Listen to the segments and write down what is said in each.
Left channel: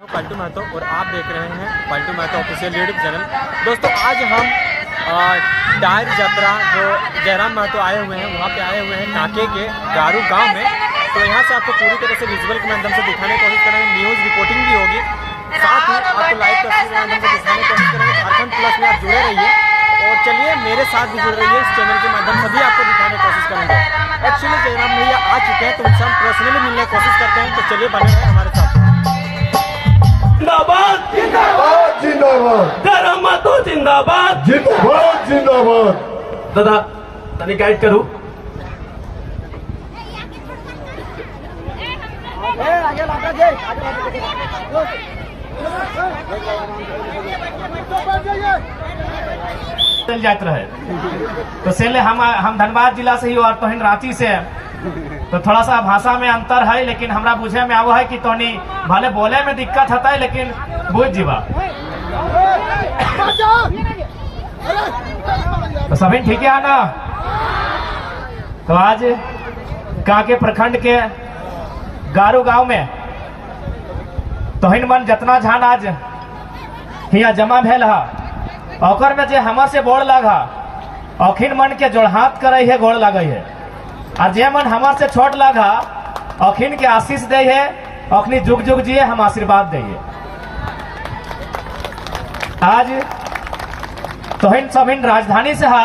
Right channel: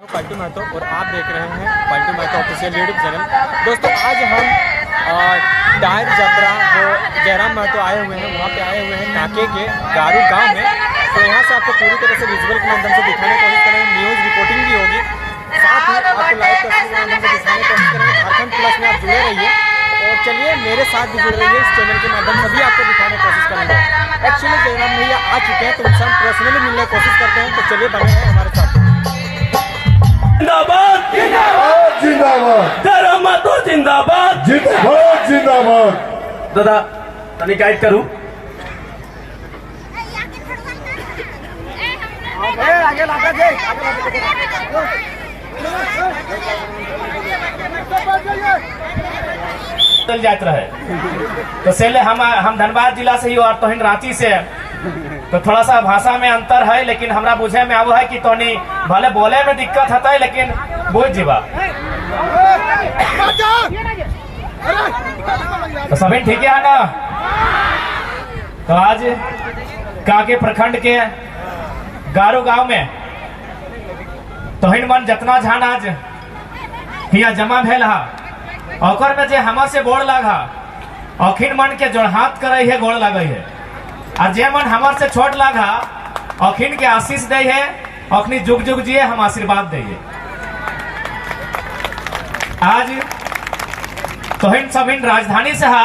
पलटू महतो और आप देख रहे हैं Paltu Mahto official YouTube channel. दोस्तों आज हम टायर यात्रा जो जयराम महतो आए हुए हैं वहाँ पे आए हुए हैं काके के गारू गांव में। तो यहाँ से आपको पूरी तरह से विजुअल के माध्यम से दिखाने की कोशिश करेंगे, न्यूज़ रिपोर्टिंग भी होगी, साथ ही आपको लाइव तस्वीर के माध्यम से दिखाने की कोशिश करेंगे। झारखंड प्लस में आप जुड़े रहिए और चलिए मेरे साथ भी जुड़ रहिए इस चैनल के माध्यम से भी आपको दिखाने की कोशिश करेंगे। एक्चुअली जयराम भैया आ चुके हैं तो उनसे हम पर्सनली मिलने की कोशिश करते हैं, तो चलिए बने रहे हमारे साथ। जिंदाबाद जिंदाबाद जिंदाबाद जयराम महतो जिंदाबाद जिंदाबाद जिंदाबाद। दादा तनी गाइड करूं। आगे लागा जे चल जात रहे तो सेले हम धनबाद जिला से ही और तोहिन रांची से, तो थोड़ा सा भाषा में अंतर है, लेकिन हमरा बुझे में आवा है कि तोनी भले बोले में दिक्कत होता है लेकिन बुझ जीवा। तो सभी ठीक है ना। तो आज काके प्रखंड के गारू गांव में तोहिन मन जतना झान आज हिया जमा भेल हा, ओकर में जे हमर से गोड़ लागा अखिन मन के जोड़ हाथ करे है, गोड़ लगे है, और जे मन हमार से छोट लागा अखिन के आशीष दे है, अखनी जुग जुग जिए हम आशीर्वाद दे। आज तोहिन सबिन राजधानी से हा,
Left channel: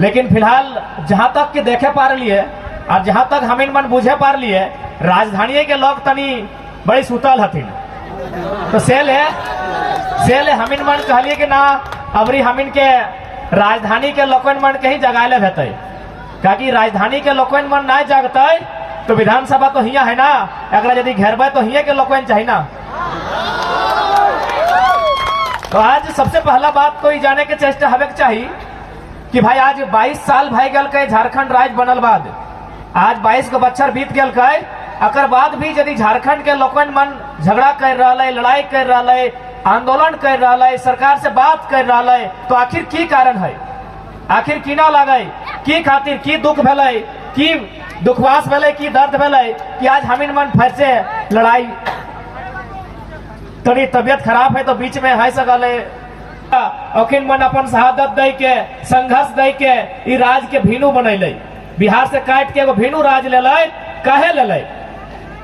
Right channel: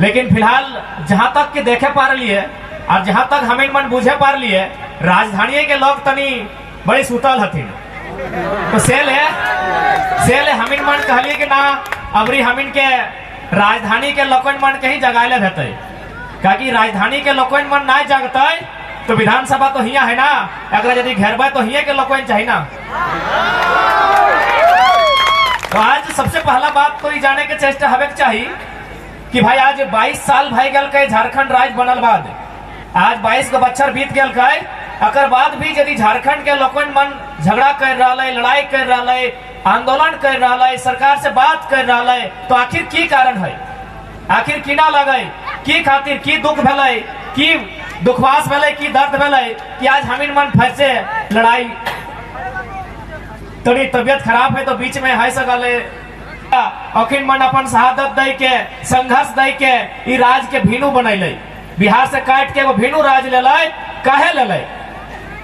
लेकिन फिलहाल जहां तक के देखे पा रही है और जहां तक हमिन मन बुझे पा रही है, राजधानी के लोग तनी बड़ी सुतल हथिन। तो सेल है हमिन मन कहलिए कि ना अबरी हमिन के राजधानी के लोकन मन के ही जगाले रहते, क्योंकि राजधानी के लोकन मन ना जगते तो विधानसभा तो हिया है ना, अगर यदि घेरबे तो हिया के लोकन चाहिए ना। तो आज सबसे पहला बात कोई जाने के चेष्टा हवे के चाहिए कि भाई आज 22 साल भय गल के झारखंड राज्य बनल बाद, आज 22 को बच्चर बीत गल के, अकर बाद भी यदि झारखंड के लोकन मन झगड़ा कर रहा है, लड़ाई कर रहा है, आंदोलन कर रहा है, सरकार से बात कर रहा है, तो आखिर की कारण है, आखिर की ना लगे, की खातिर की दुख भेले, की दुखवास भेले, की दर्द भेले कि आज हमिन मन फिर से लड़ाई, तनी तबियत खराब है तो बीच में है सकल अखिन मन अपन शहादत दे के संघर्ष दे के ई राज के भीनू बनैले, बिहार से काट के वो भीनू राज ले कहे ले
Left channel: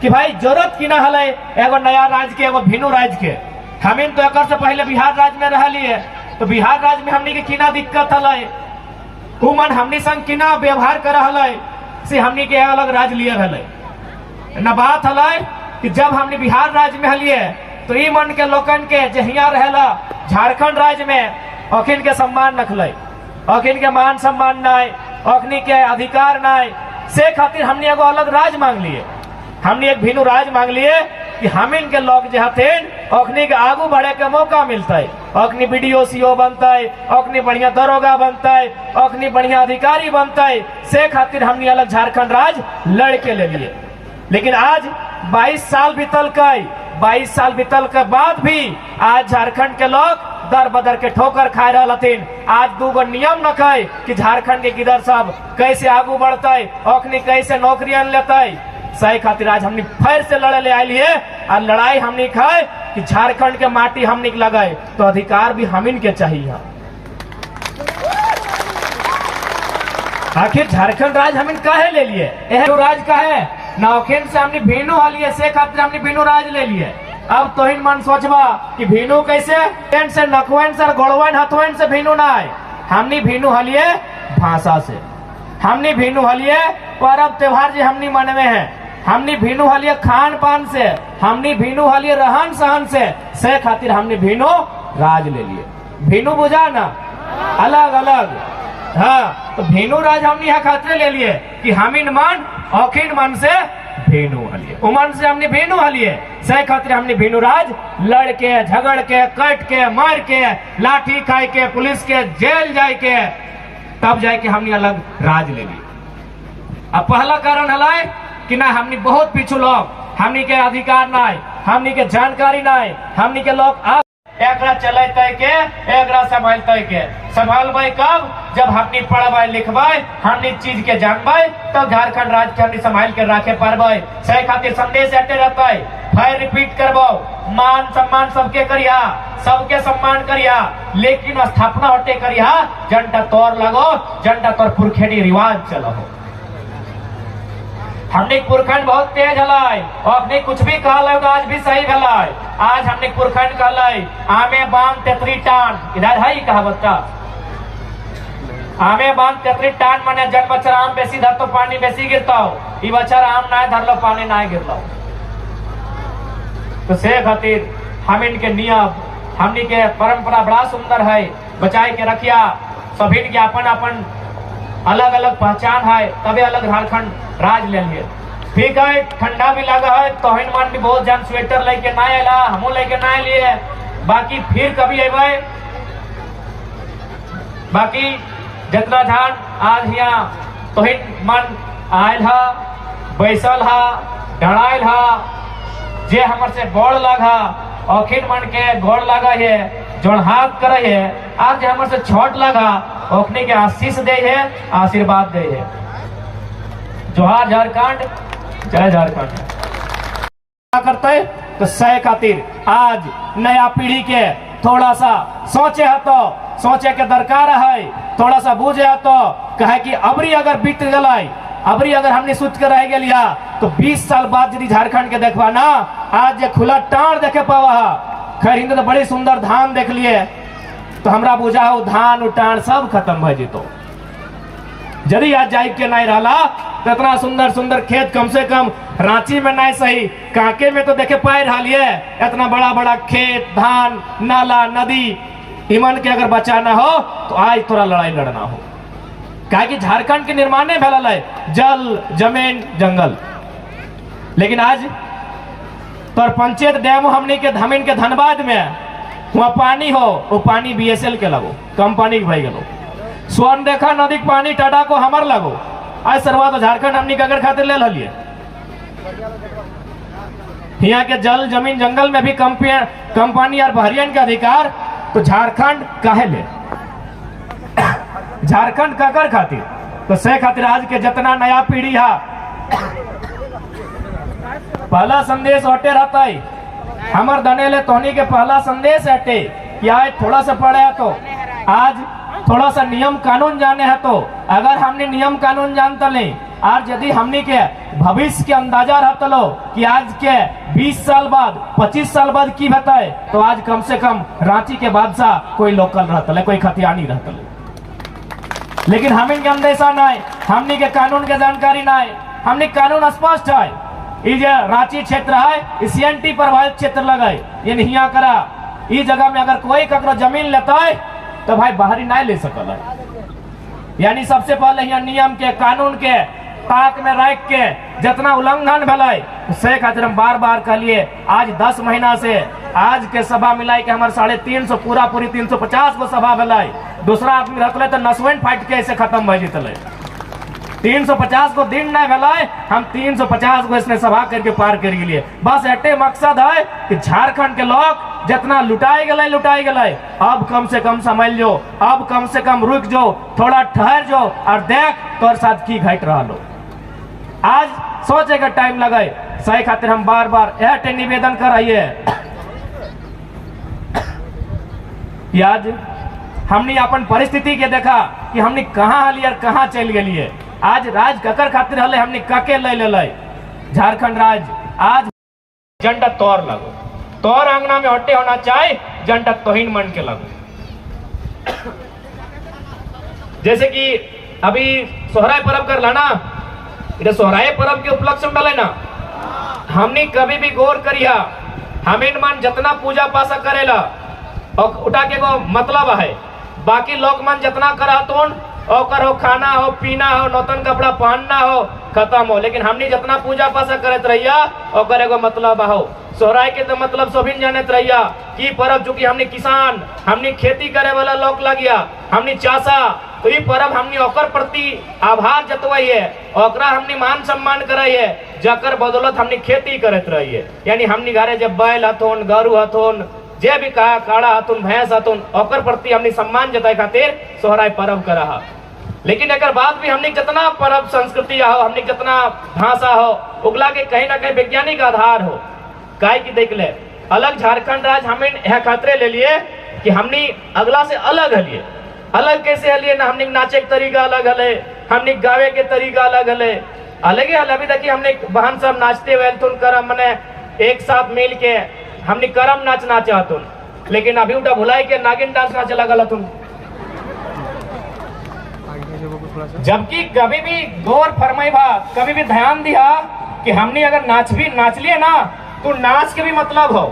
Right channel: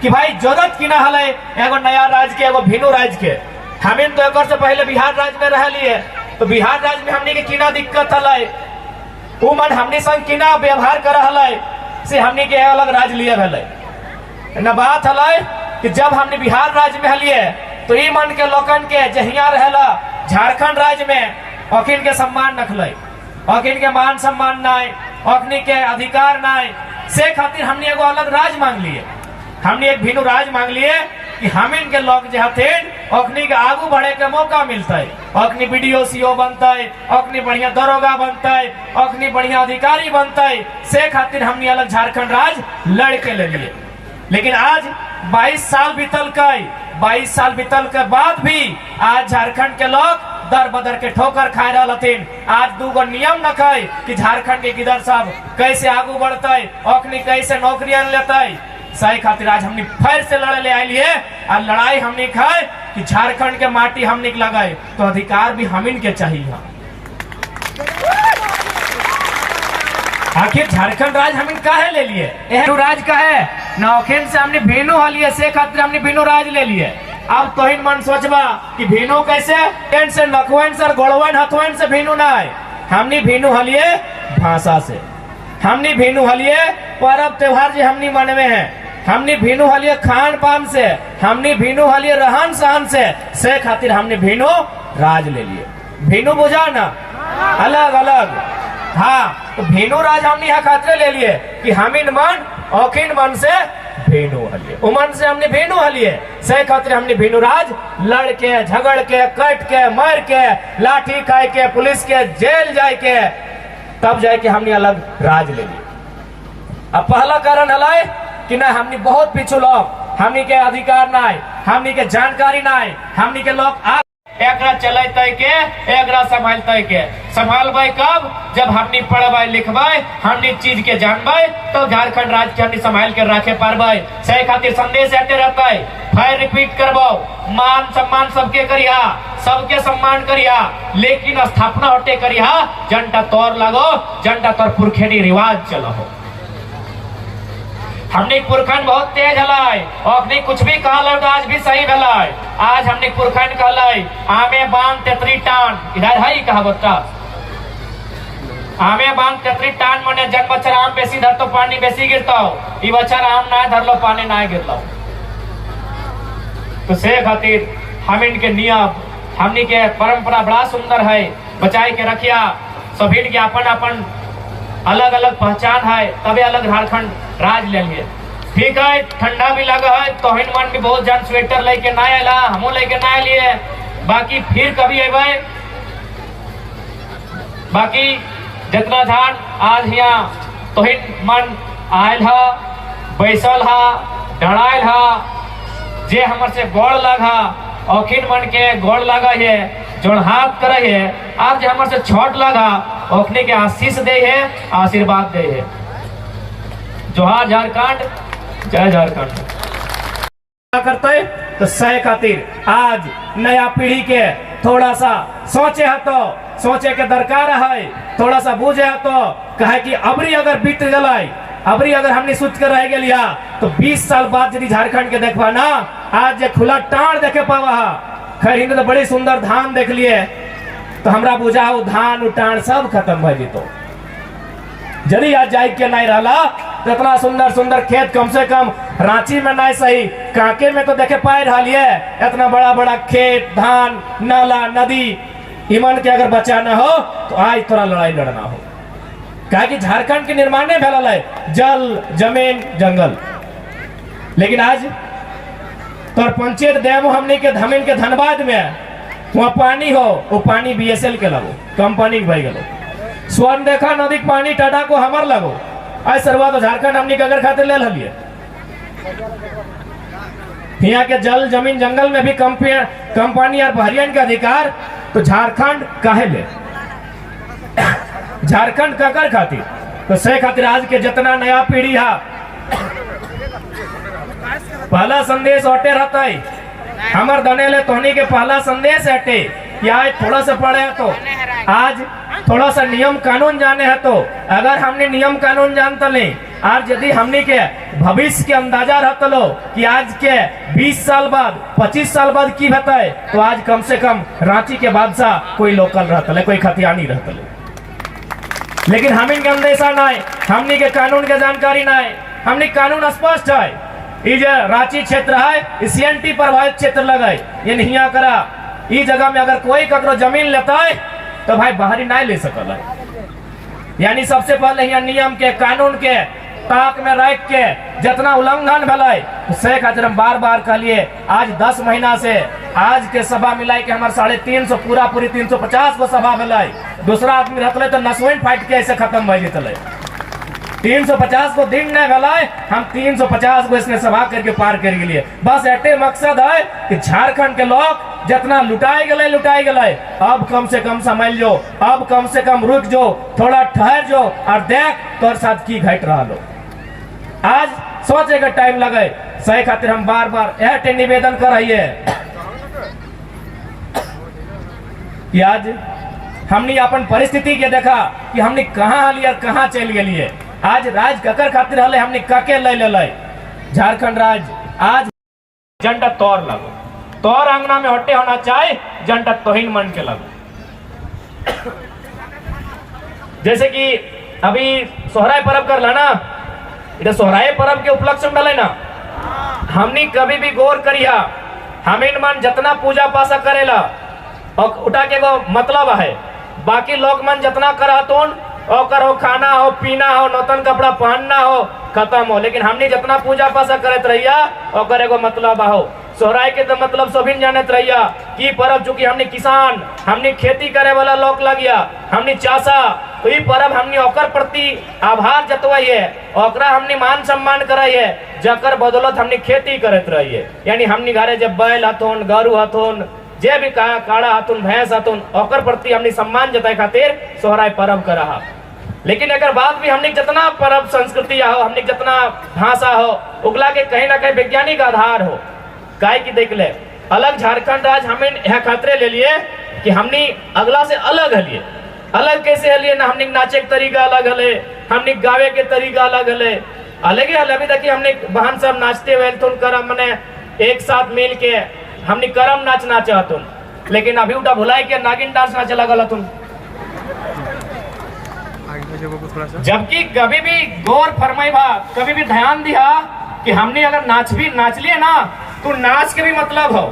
कि भाई जरूरत की ना हले एगो नया राज के, एगो भीनू राज के। हमिन तो एक से पहले बिहार राज्य में रह लिए, तो बिहार राज्य में हमनी के किना दिक्कत हले, उ मन हमनी संग किना व्यवहार कर हले से हमनी के अलग राज लिए हले न। बात हले कि जब हमने बिहार राज्य में हलिए तो ई मन के लोकन के जहिया रहेला झारखंड राज्य में अखिन के सम्मान रखले, अखिन के मान सम्मान नाय, अखनी के अधिकार नाय, से खातिर हमने एगो अलग राज मांग लिए, हमने एक भीनू राज मांग लिए कि हमिन के लोग जहथिन अखनी के आगू बढ़े के मौका मिलता है, अखनी बीडीओ सीओ बनता है, अखनी बढ़िया दरोगा बनता है, अखनी बढ़िया अधिकारी बनता है, से खातिर हमने अलग झारखंड राज लड़के ले लिए। लेकिन आज 22 साल बीतल के, 22 साल बीतल के बाद भी आज झारखंड के लोग दर बदर के ठोकर खाए रहलथिन। आज दूगो नियम न खाए कि झारखंड के किधर सब कैसे आगू बढ़ते, अखनी कैसे नौकरियां लेते, सही खातिर आज हमने फिर से लड़े ले आये और लड़ाई हमने खाए कि झारखंड के माटी हमने लगाए, तो अधिकार भी हमिन के चाहिए। आखिर झारखंड राज हमिन काहे ले लिए, यह राज का है नौखेन से हमने भीनू हलिए, से खातिर हमने भीनू राज ले लिए। अब तोहिन मन सोचबा कि भीनू कैसे से नकुएन से गोड़वन हथुएन से भीनू ना है, हमने भीनू हलिए भाषा से, हमने भीनू हलिए पर्व त्योहार जो हमने मनवे हैं, हमने भीनू हलिए खान पान से, हमने भीनू हलिए रहन सहन से खातिर हमने भीनू राज ले लिए। भीनू बुझा ना अलग अलग, हाँ तो भीनू राज हमने यहाँ खातिर ले लिए कि हमिन मन अखिन मन से भीनू हलिए, उमन से हमने भीनू हलिए, से खातिर हमने भीनू राज लड़ के झगड़ के कट के मार के लाठी खाए के पुलिस के जेल जाए के तब जाए के हमने अलग राज ले लिए। अब पहला कारण हलाय कि ना हमने बहुत पीछू लोग, हमने के अधिकार ना है, हमने के जानकारी ना है, हमने के लोग एकरा चलते के एकरा संभालते के संभालबे कब जब हमनी पढ़बे लिखबे हमनी चीज के जानबे तो झारखंड राज्य के हमनी संभाल के रखे पारबे। से खातिर संदेश आते रहते फिर रिपीट करबो मान सम्मान सबके करिया सबके सम्मान करिया लेकिन स्थापना हटे करिया जनता तोर लगो जनता तोर पुरखेनी रिवाज चलो। हमने पुरखंड बहुत तेज हलाई और अपने कुछ भी कहला तो आज भी सही भलाई। आज हमने पुरखंड कहलाई आमे बांध तेतरी टान इधर है ही कहावत का आमे बांध तेतरी टान मने जन बच्चा आम बेसी धर तो पानी बेसी गिरता हो ई बच्चा आम ना धर लो पानी ना गिरता। तो से खातिर हम इनके नियम हमनी के परंपरा बड़ा सुंदर है बचाए के रखिया। सभी के अपन अपन अलग अलग पहचान है तभी अलग झारखंड राज लेंगे। ठीक है ठंडा भी लगा है तो मन भी बहुत जन स्वेटर लेके ना आला हमू लेके ना लिए बाकी फिर कभी अबे बाकी जितना धान आज यहाँ तो मन आयल हा बैसल हा डरायल हा जे हमर से गोड़ लगा औखिन मन के गोड़ लगा है जोड़ हाथ करे है आज हमर से छोट लगा ओखने के आशीष दे है आशीर्वाद दे है। जोहार झारखंड जय झारखंड करते तो सह खातिर आज नया पीढ़ी के थोड़ा सा सोचे है तो सोचे के दरकार है थोड़ा सा बूझे है तो कहे कि अबरी अगर बीत गलाई अबरी अगर हमने सोच कर रह गया तो 20 साल बाद यदि झारखंड के देखबा ना आज खुला टाण देखे पावा खैर हिंद तो बड़ी सुंदर धान देख लिए तो हमरा बुझा हो धान उटान सब खत्म भय जितो यदि आज जाए के नहीं रहा तो इतना सुंदर सुंदर खेत कम से कम रांची में नहीं सही कांके में तो देखे पाए रहा इतना बड़ा बड़ा खेत धान नाला नदी इमन के अगर बचाना हो तो आज थोड़ा लड़ाई लड़ना हो कहा कि झारखंड के निर्माण नहीं फैला है जल जमीन जंगल लेकिन आज तो पंचायत डैम हमने के धमिन के धनबाद में वहाँ पानी हो वो पानी बीएसएल के लगो कंपनी भाई गलो स्वर्ण देखा नदी पानी टाटा को हमार लगो आज शुरुआत तो झारखंड हमने के अगर खातिर ले लिए यहाँ के जल जमीन जंगल में भी कंपनी और बहरियन के अधिकार तो झारखंड काहे ले झारखंड ककर खातिर तो से खातिर आज के जितना नया पीढ़ी है पहला संदेश हटे रहता है हमर दने ले तोहनी के पहला संदेश हटे कि आज थोड़ा सा पढ़े है तो आज थोड़ा सा नियम कानून जाने है तो अगर हमने नियम कानून जानता नहीं आज यदि हमने के भविष्य के अंदाजा रहता लो कि आज के 20 साल बाद 25 साल बाद की बताए तो आज कम से कम रांची के बादशाह कोई लोकल रहता ले कोई खतियानी रहता ले लेकिन हम इनके अंदेशा नहीं हमने के कानून के जानकारी नहीं हमने कानून स्पष्ट है ये रांची क्षेत्र है सीएनटी प्रभावित क्षेत्र लगे ये नहीं करा इस जगह में अगर कोई ककरो जमीन लेता है तो भाई बाहरी नहीं ले सकल यानी सबसे पहले यहाँ नियम के कानून के ताक में रख के जितना उल्लंघन भले तो से खातिर हम बार बार कहलिए आज 10 महीना से आज के सभा मिलाई के हमारे 350 पूरा पूरी 350 को सभा भलाई दूसरा आदमी रहते तो नसवन फाइट के ऐसे खत्म हो जीतले 350 को दिन नहीं भलाई हम 350 को इसने सभा करके पार कर लिए बस अटे मकसद है कि झारखंड के लोग जितना लुटाए गए अब कम से कम समझ लो अब कम से कम रुक जो थोड़ा ठहर जो और देख तोर साथ की घट रहा लो आज सोचे का टाइम लगे सही खातिर हम बार बार यह निवेदन कराइए आज हमने अपन परिस्थिति के देखा कि हमने कहाँ हली और कहाँ चल गई आज राज ककर खातिर हले हमने कके ले झारखंड राज्य आज झंडा तोर लगो तोर अंगना में हटे होना चाहिए झंडा तोहिन मन के लगो जैसे कि अभी सोहराय पर्व कर लाना इधर सोहराय पर्व के उपलक्ष्य में डाले ना हमने कभी भी गौर करिया हम इन मन जितना पूजा पासा करेला और उठा के को मतलब है बाकी लोग मन जितना करा तो ओकर हो खाना हो पीना हो नौतन कपड़ा पहनना हो खत्म हो लेकिन हमने जितना पूजा पासा करत रहिया ओकर एगो मतलब हो सोहराय के तो मतलब सभी जानत रहिया की पर्व चूंकि हमने किसान हमने खेती करे वाला लोग लगिया हमने चासा तो ये पर्व हमने ओकर प्रति आभार जतवाइए ओकरा हमने मान सम्मान कराइए जकर बदौलत हमने खेती करत रहिए यानी हमने घरे जब बैल हथोन गरु हथोन जे भी कहा काड़ा हतुन भैंस हतुन ओकर प्रति हमने सम्मान जताए खातिर सोहराय पर्व करा हा। लेकिन अगर बात भी हमने जितना पर्व संस्कृति हो, हमने जितना भाषा हो, उगला के कहीं ना कहीं वैज्ञानिक आधार हो। काहे की देख ले अलग झारखंड राज्य हमें यह खतरे ले लिए कि हमने अगला से अलग हलिए। अलग कैसे हलिए ना, हमने नाचे के तरीका अलग हले, हमने गावे के तरीका अलग हले, अलग ही हल। अभी देखिए हमने बहन सब नाचते हुए तुम करम मने एक साथ मिल के हमने करम नाच नाचा तुम, लेकिन अभी उठा भुलाए के नागिन डांस नाचे लगा तुम। जबकि कभी भी गौर फरमाई भा, कभी भी ध्यान दिया कि हमने अगर नाच लिए ना तो नाच के भी मतलब हो।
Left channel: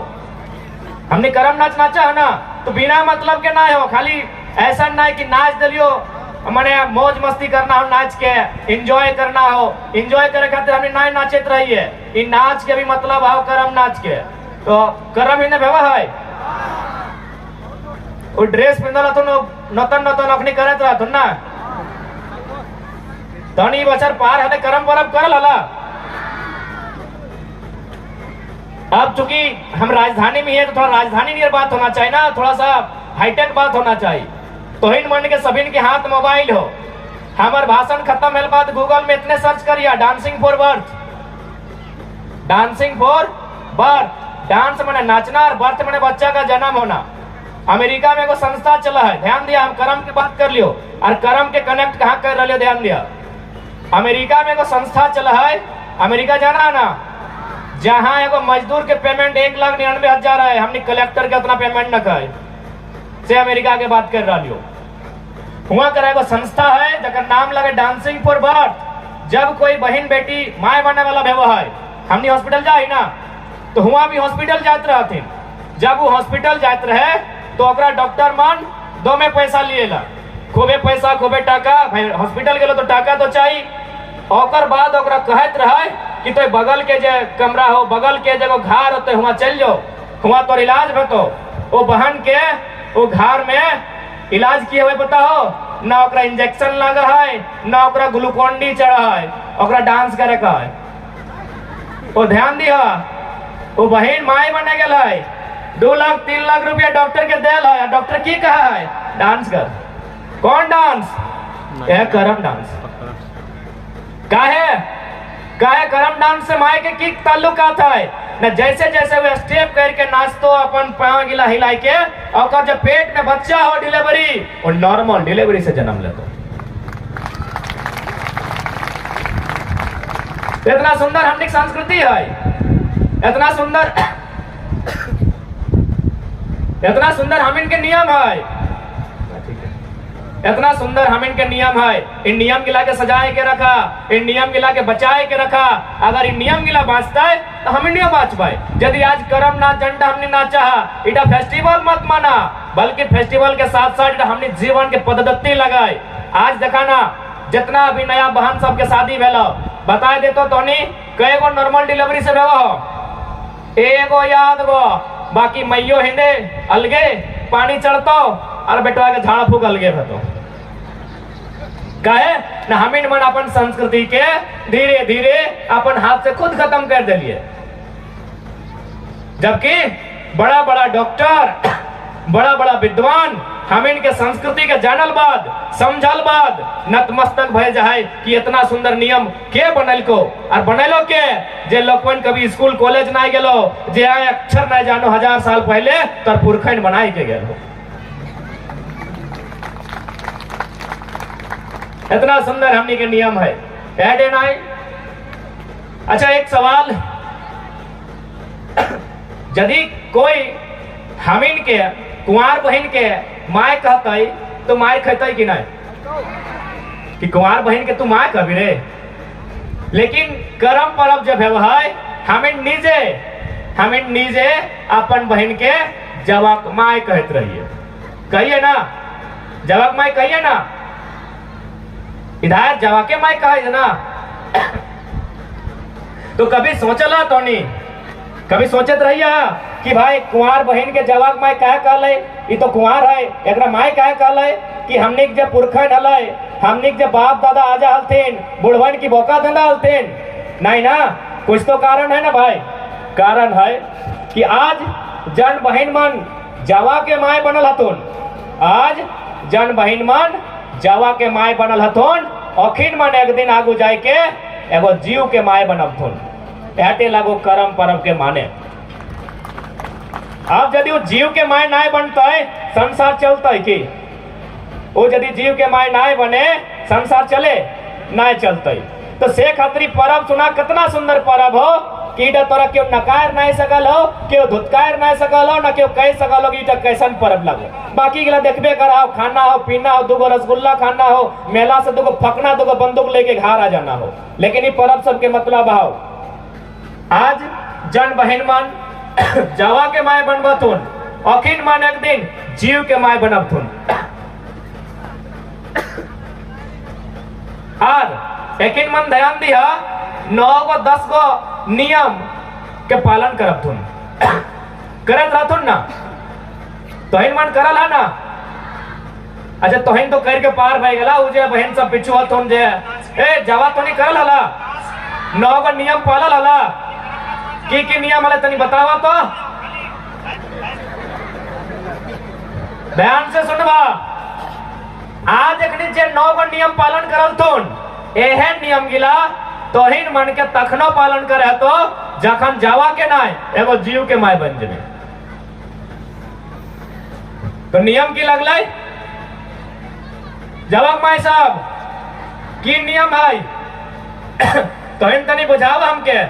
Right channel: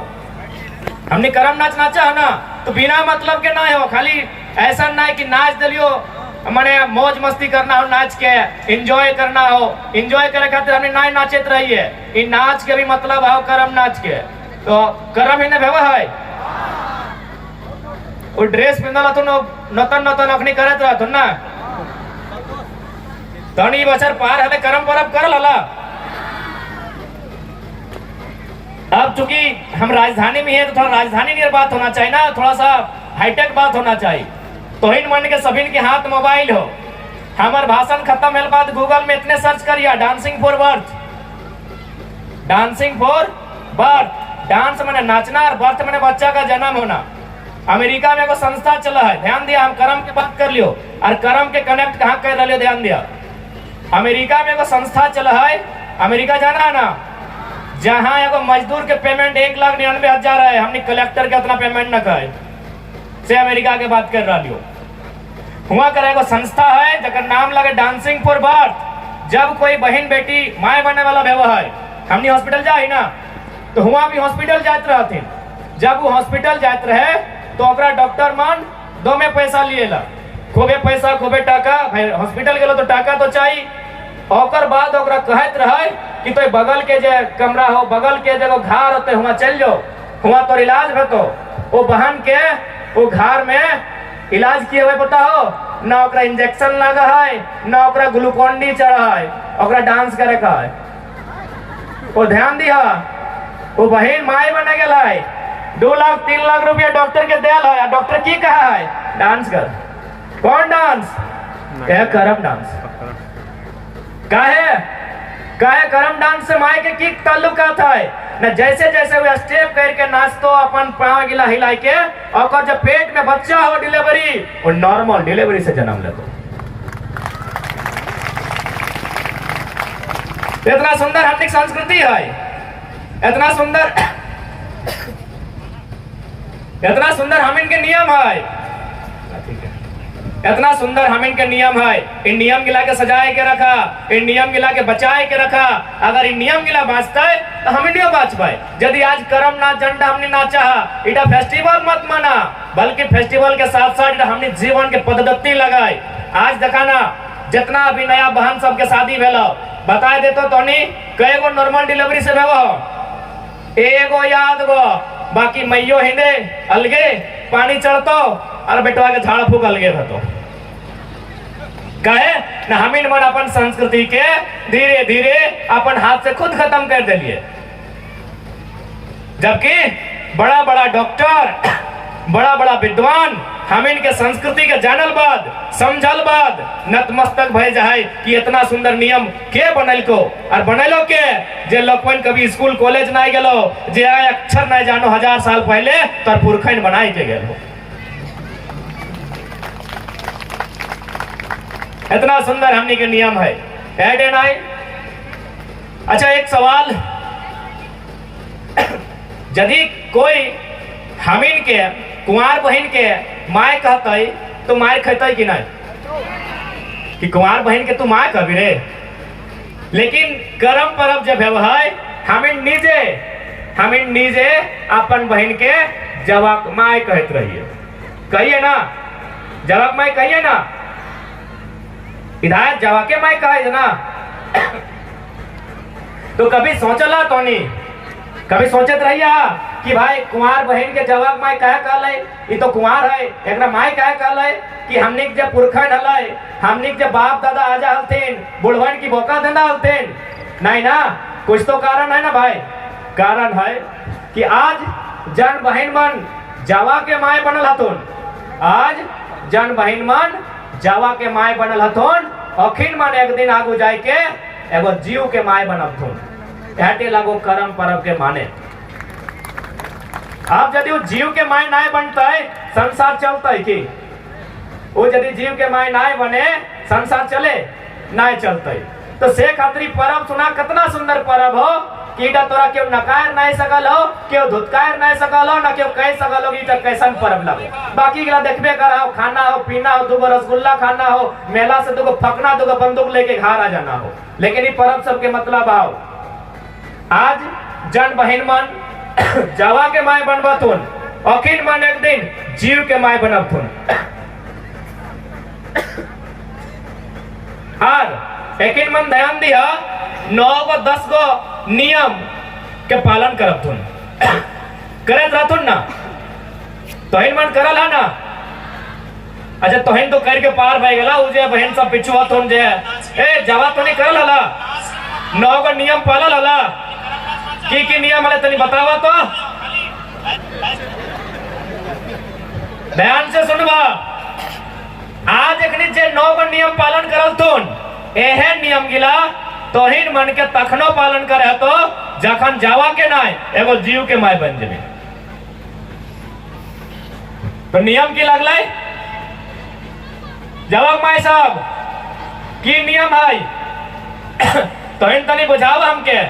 हमने करम नाच नाचा है ना तो बिना मतलब के ना हो, खाली ऐसा ना है कि नाच दलियो मने मौज मस्ती करना हो, नाच के एंजॉय करना हो। एंजॉय करे खातिर हमने ना नाचत रही है, इ नाच के भी मतलब हो करम नाच के। तो करम ही ना भेवा है वो ड्रेस पिंदला तो नतन नतन अखनी करत रहा ना तनी बचर पार हले करम परब करल हला। अब चूंकि हम राजधानी में है तो थोड़ा राजधानी नियर बात होना चाहिए ना, थोड़ा सा हाईटेक बात होना चाहिए। तो हिन मन के सभी के हाथ मोबाइल हो। हमार भाषण खत्म होने बाद गूगल में इतने सर्च करिए dancing for birth, dancing for birth. Dance माने नाचना और बर्थ माने बच्चा का जन्म होना। अमेरिका में एगो संस्था चला है, ध्यान दिया, हम कर्म की बात कर लियो और कर्म के कनेक्ट कहाँ कर रहे हो, ध्यान दिया। अमेरिका में एगो संस्था चला है, अमेरिका जाना है ना, जहाँ एगो मजदूर के पेमेंट 1,99,000 है, हमने कलेक्टर के उतना पेमेंट न करे से अमेरिका के बात कर रही हो। हुआ करे एगो संस्था है जगह नाम लगे डांसिंग फॉर बर्थ। जब कोई बहन बेटी माए बनने वाला भेवा है, हमने हॉस्पिटल जाए ना तो हुआ भी हॉस्पिटल जाते रहते। जब वो हॉस्पिटल जाते रहे तो ओकरा डॉक्टर मान 2 में पैसा लिएला, खूबे पैसा खूबे टाका। भाई हॉस्पिटल गेलो तो टाका तो चाहिए। ओकर बाद ओकरा कहत रहे कि तो बगल के जे कमरा हो, बगल के जगह घर होते हुआ चल जाओ, हुआ तो इलाज भतो। वो बहन के वो घर में इलाज किए हुए पता हो ना, ओकरा इंजेक्शन लगा है ना ओकरा ग्लूकोन डी चढ़ा है, ओकरा डांस करे का है। वो ध्यान दिया, वो बहन माए बने गेल है, 2 लाख 3 लाख रुपया डॉक्टर के देल है। डॉक्टर की कहा है डांस कर। कौन डांस? करम डांस। काहे करम डांस से माए के की ताल्लुकात है ना। जैसे जैसे वो स्टेप करके नाचतो अपन पाँव गिला हिला के, और जब पेट में बच्चा हो डिलीवरी, और नॉर्मल डिलीवरी से जन्म लेतो। इतना सुंदर हमने संस्कृति है, इतना सुंदर हम इनके नियम है, इतना सुंदर हम इनके नियम है। इन नियम गिला के सजाए के रखा, इन नियम गिला के बचाए के रखा। अगर इन नियम गिला बाँचता है तो हम नहीं बाँच पाए। यदि आज करम ना झंडा हमने ना चाहा, इटा फेस्टिवल मत माना, बल्कि फेस्टिवल के साथ साथ हमने जीवन के पद्धति लगाए। आज देखा ना जितना अभी नया बहन सबके शादी भेलो, बताए देतो तो नहीं कई गो नॉर्मल डिलीवरी से भेवो, एगो याद गो, बाकी मैयो हिंदे अलगे पानी चढ़तो और बेटवा के झाड़ा फूक अलगे रहतो। कहे ना हमीन मन अपन संस्कृति के धीरे धीरे अपन हाथ से खुद खत्म कर दिलिए। जबकि बड़ा बड़ा डॉक्टर, बड़ा बड़ा विद्वान हमीन के संस्कृति के जानल बाद समझल बाद नतमस्तक भय जाए कि इतना सुंदर नियम के बनल को, और बनलो के जे लोगन कभी स्कूल कॉलेज ना गेलो, जे आए अक्षर ना जानो 1000 साल पहले तो पुरखन बनाए के गेलो। इतना सुंदर हमने के नियम है। Add and I. अच्छा एक सवाल, यदि कोई हमीन के कुंवार बहन के माय कहते तो माय कहते कि नहीं, कि कुंवार बहन के तू माय कहबी रे। लेकिन करम परब जब है हमीन नीजे अपन बहन के जवाक माय कहत रहिए, कहिए ना, जवाक माय कहिए ना, इधर जवाके माय कहे ना। तो कभी सोचला तो नहीं, कभी सोचत रहिया कि भाई कुंवार बहन के जवाक माय कहे कहले, ये तो कुंवार है, एकरा माय कहे कहले कि हमने के जब पुरखन हले, हमने के जब बाप दादा आजा हलतेन, बुढ़वन की बोका धंधा हलतेन, नहीं ना, कुछ तो कारण है ना भाई। कारण है कि आज जन बहन मन जावा के माय बनल हथुन, आज जन बहन मन जावा के माय बनल हथुन, अखिन मन एक दिन आगू जाए के एगो जीव के माय बनबथुन। एटे लागो कर्म परब के माने। अब यदि वो जीव के माय नाय बनते संसार चलते कि? वो यदि जीव के माय नाय बने संसार चले नाय चलते। तो से खातिर परब सुना कितना सुंदर परब हो कि इटा तोरा क्यों नकार नहीं सकल हो, क्यों धुतकार नहीं सकल हो, न क्यों कह सकल हो कि इटा कैसन परब लगो। बाकी गिला देखबे कर हो, खाना हो, पीना हो, दूगो रसगुल्ला खाना हो, मेला से दूगो फकना, दूगो बंदूक लेके घर आ जाना हो। लेकिन ये परब सबके मतलब आओ, आज जन बहन मन जावा के माय बनबथुन, अखिन मन एक दिन जीव के माय बनबथुन। और एकिन मन ध्यान दिया 9 गो 10 गो नियम के पालन करबथुन। करत रहथुन ना, तोहिन मन करल है ना। अच्छा तोहिन तो कर के पार भय गेला, उ जे बहन सब पिछुआथुन जे ए जावा तो नहीं करल हला, 9 गो नियम पालल हला। की नियम हले तनी बतावा तो, ध्यान से सुनबा। आज एकनी जे 9 गो नियम पालन करलथुन, एहे नियम गिला तोहिन मन के तखनो पालन करे तो जखन जावा के नाय एगो जीव के माय बन जेबे। तो नियम की लगलै? जावा माय साहब की नियम है तोहिन तनी बुझावा हमके,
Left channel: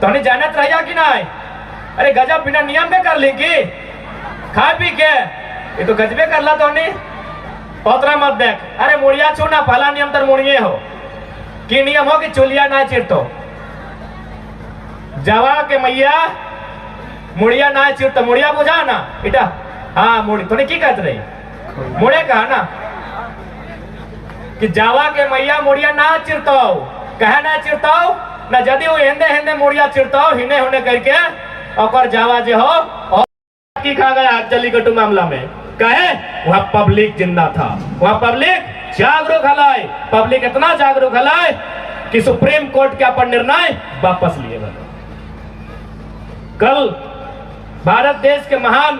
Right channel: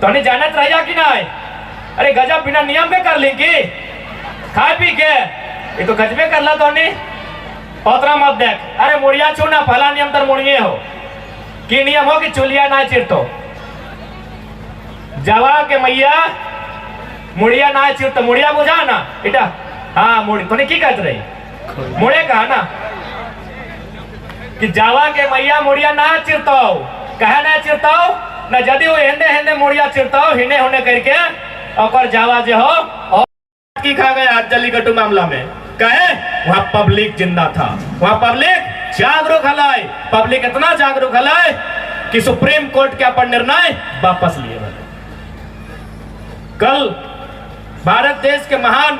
तोनी जानत रहिया कि नाय? अरे गजब बिना नियम के कर ली की खा पी के, ये तो गजबे करला तोनी। ओतरा मत देख, अरे मुड़िया छू ना, पहला नियम तर मुड़िए हो। की नियम हो कि चुलिया ना चिरतो, जावा के मैया मुड़िया ना चिरतो। मुड़िया बुझा ना इटा, हाँ मुड़ी तोनी की कहत रही? मुड़े कहा ना कि जावा के मैया मुड़िया ना चिरतो, कहे ना चिरतो ना, यदि वो हेंदे हेंदे मुड़िया चिरतो हिने होने करके और जावा जे हो और की खा गया जल्लीकट्टू मामला में। कहे वहां पब्लिक जिंदा था, वहां पब्लिक जागरूक हलाय, पब्लिक इतना जागरूक हलाय कि सुप्रीम कोर्ट के अपन निर्णय वापस लिए। कल भारत देश के महान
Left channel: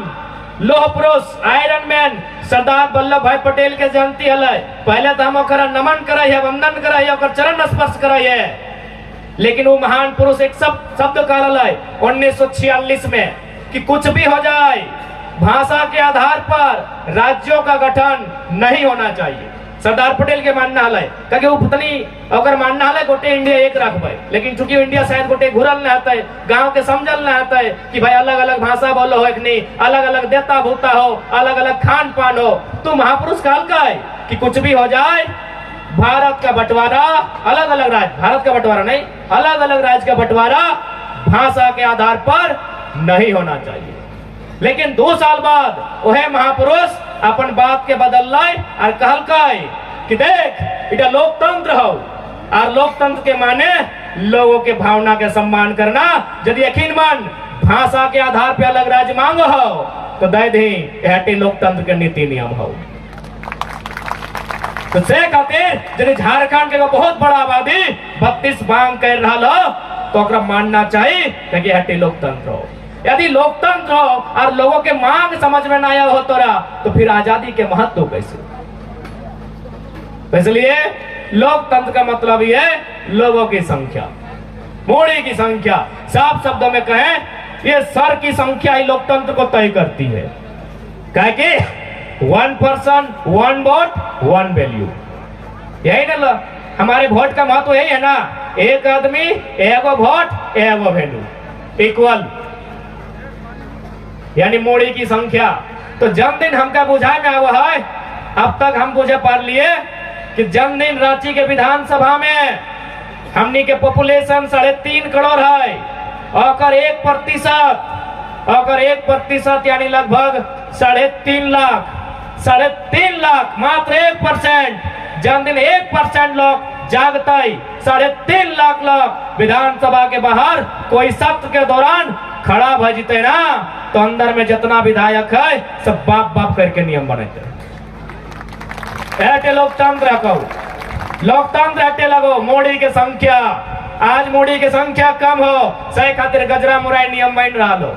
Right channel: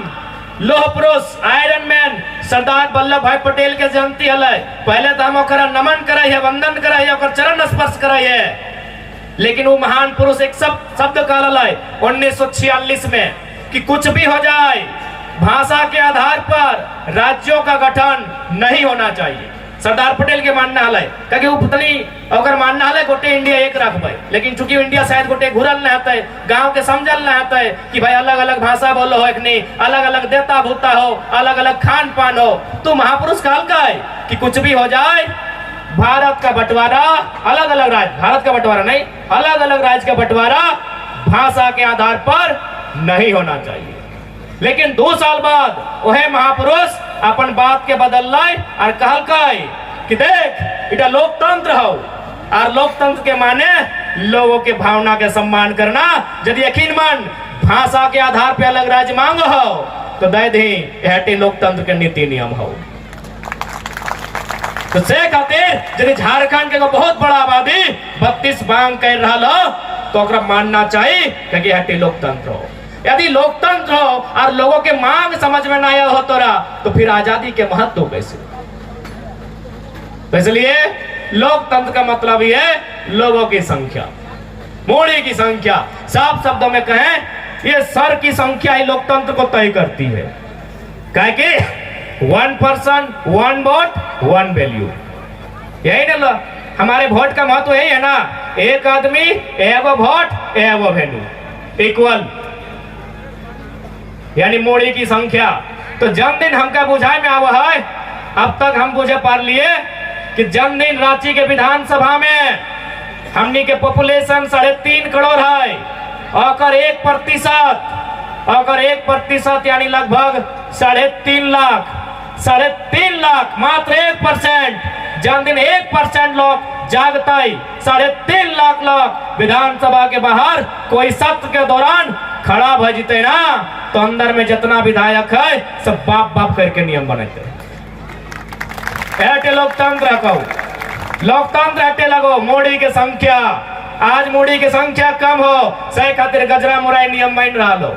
लोह पुरुष आयरन मैन सरदार वल्लभ भाई पटेल के जयंती हलै। पहले तो हम ओकरा नमन करे, वंदन करे, ओकर चरण स्पर्श करे। लेकिन वो महान पुरुष एक शब्द कहल है 1946 में कि कुछ भी हो जाए भाषा के आधार पर राज्यों का गठन नहीं होना चाहिए। सरदार पटेल के मानना है कि वो पत्नी अगर मानना है गोटे इंडिया एक रखबे, लेकिन चूंकि इंडिया शायद गोटे घुरल न आता है, गांव के समझल न आता है कि भाई अलग अलग भाषा बोलो हो, नहीं अलग अलग देता भूता हो, अलग अलग खान पान हो। तो महापुरुष कहल का है कि कुछ भी हो जाए भारत का बंटवारा अलग अलग राज्य, भारत का बंटवारा नहीं, अलग अलग राज्य का बंटवारा भाषा के आधार पर नहीं होना चाहिए। लेकिन 2 साल बाद वह महापुरुष अपन बात के बदल लाए और कहल कि देख इटा लोकतंत्र हो, और लोकतंत्र के माने लोगों के भावना के सम्मान करना। यदि यकीन मन भाषा के आधार पर अलग राज्य मांगो हो तो दे दी, यह लोकतंत्र के नीति नियम हो। तो से खातिर यदि झारखंड के बहुत बड़ा आबादी 32 मांग कर रहा हो तो ओकरा मानना चाहिए कि हटी लोकतंत्र हो। यदि लोकतंत्र हो और लोगों के मांग समझ में नहीं हो तो फिर आजादी के महत्व कैसे? तो इसलिए लोकतंत्र का मतलब ये है लोगों की संख्या, मोड़ी की संख्या। साफ शब्दों में कहें ये सर की संख्या ही लोकतंत्र को तय करती है। कहे कि 1 पर्सन 1 वोट 1 वैल्यू, यही ना हमारे वोट का महत्व यही है ना, एक आदमी एगो वोट एगो वैल्यू इक्वल, यानी मोड़ी की संख्या। तो जन्मदिन हमका बुझाए में आवा है, अब तक हम बुझे पार लिए कि जन्मदिन रांची के विधानसभा में हमनी के पॉपुलेशन 3.5 करोड़ है, और 1% यानी लगभग 3.5 लाख, 3.5 लाख मात्र 1%। जन्मदिन 1% लोग जागते, 3.5 लाख लोग विधानसभा के बाहर कोई सत्र के दौरान खड़ा भ जीते ना, तो अंदर में जितना विधायक है सब बाप बाप करके नियम बनाते। लोकतंत्र कहो, लोकतंत्र हटे लगो मोड़ी के संख्या, आज मूड़ी की संख्या कम हो सही खातिर गजरा मुराई नियम बन रहा लो।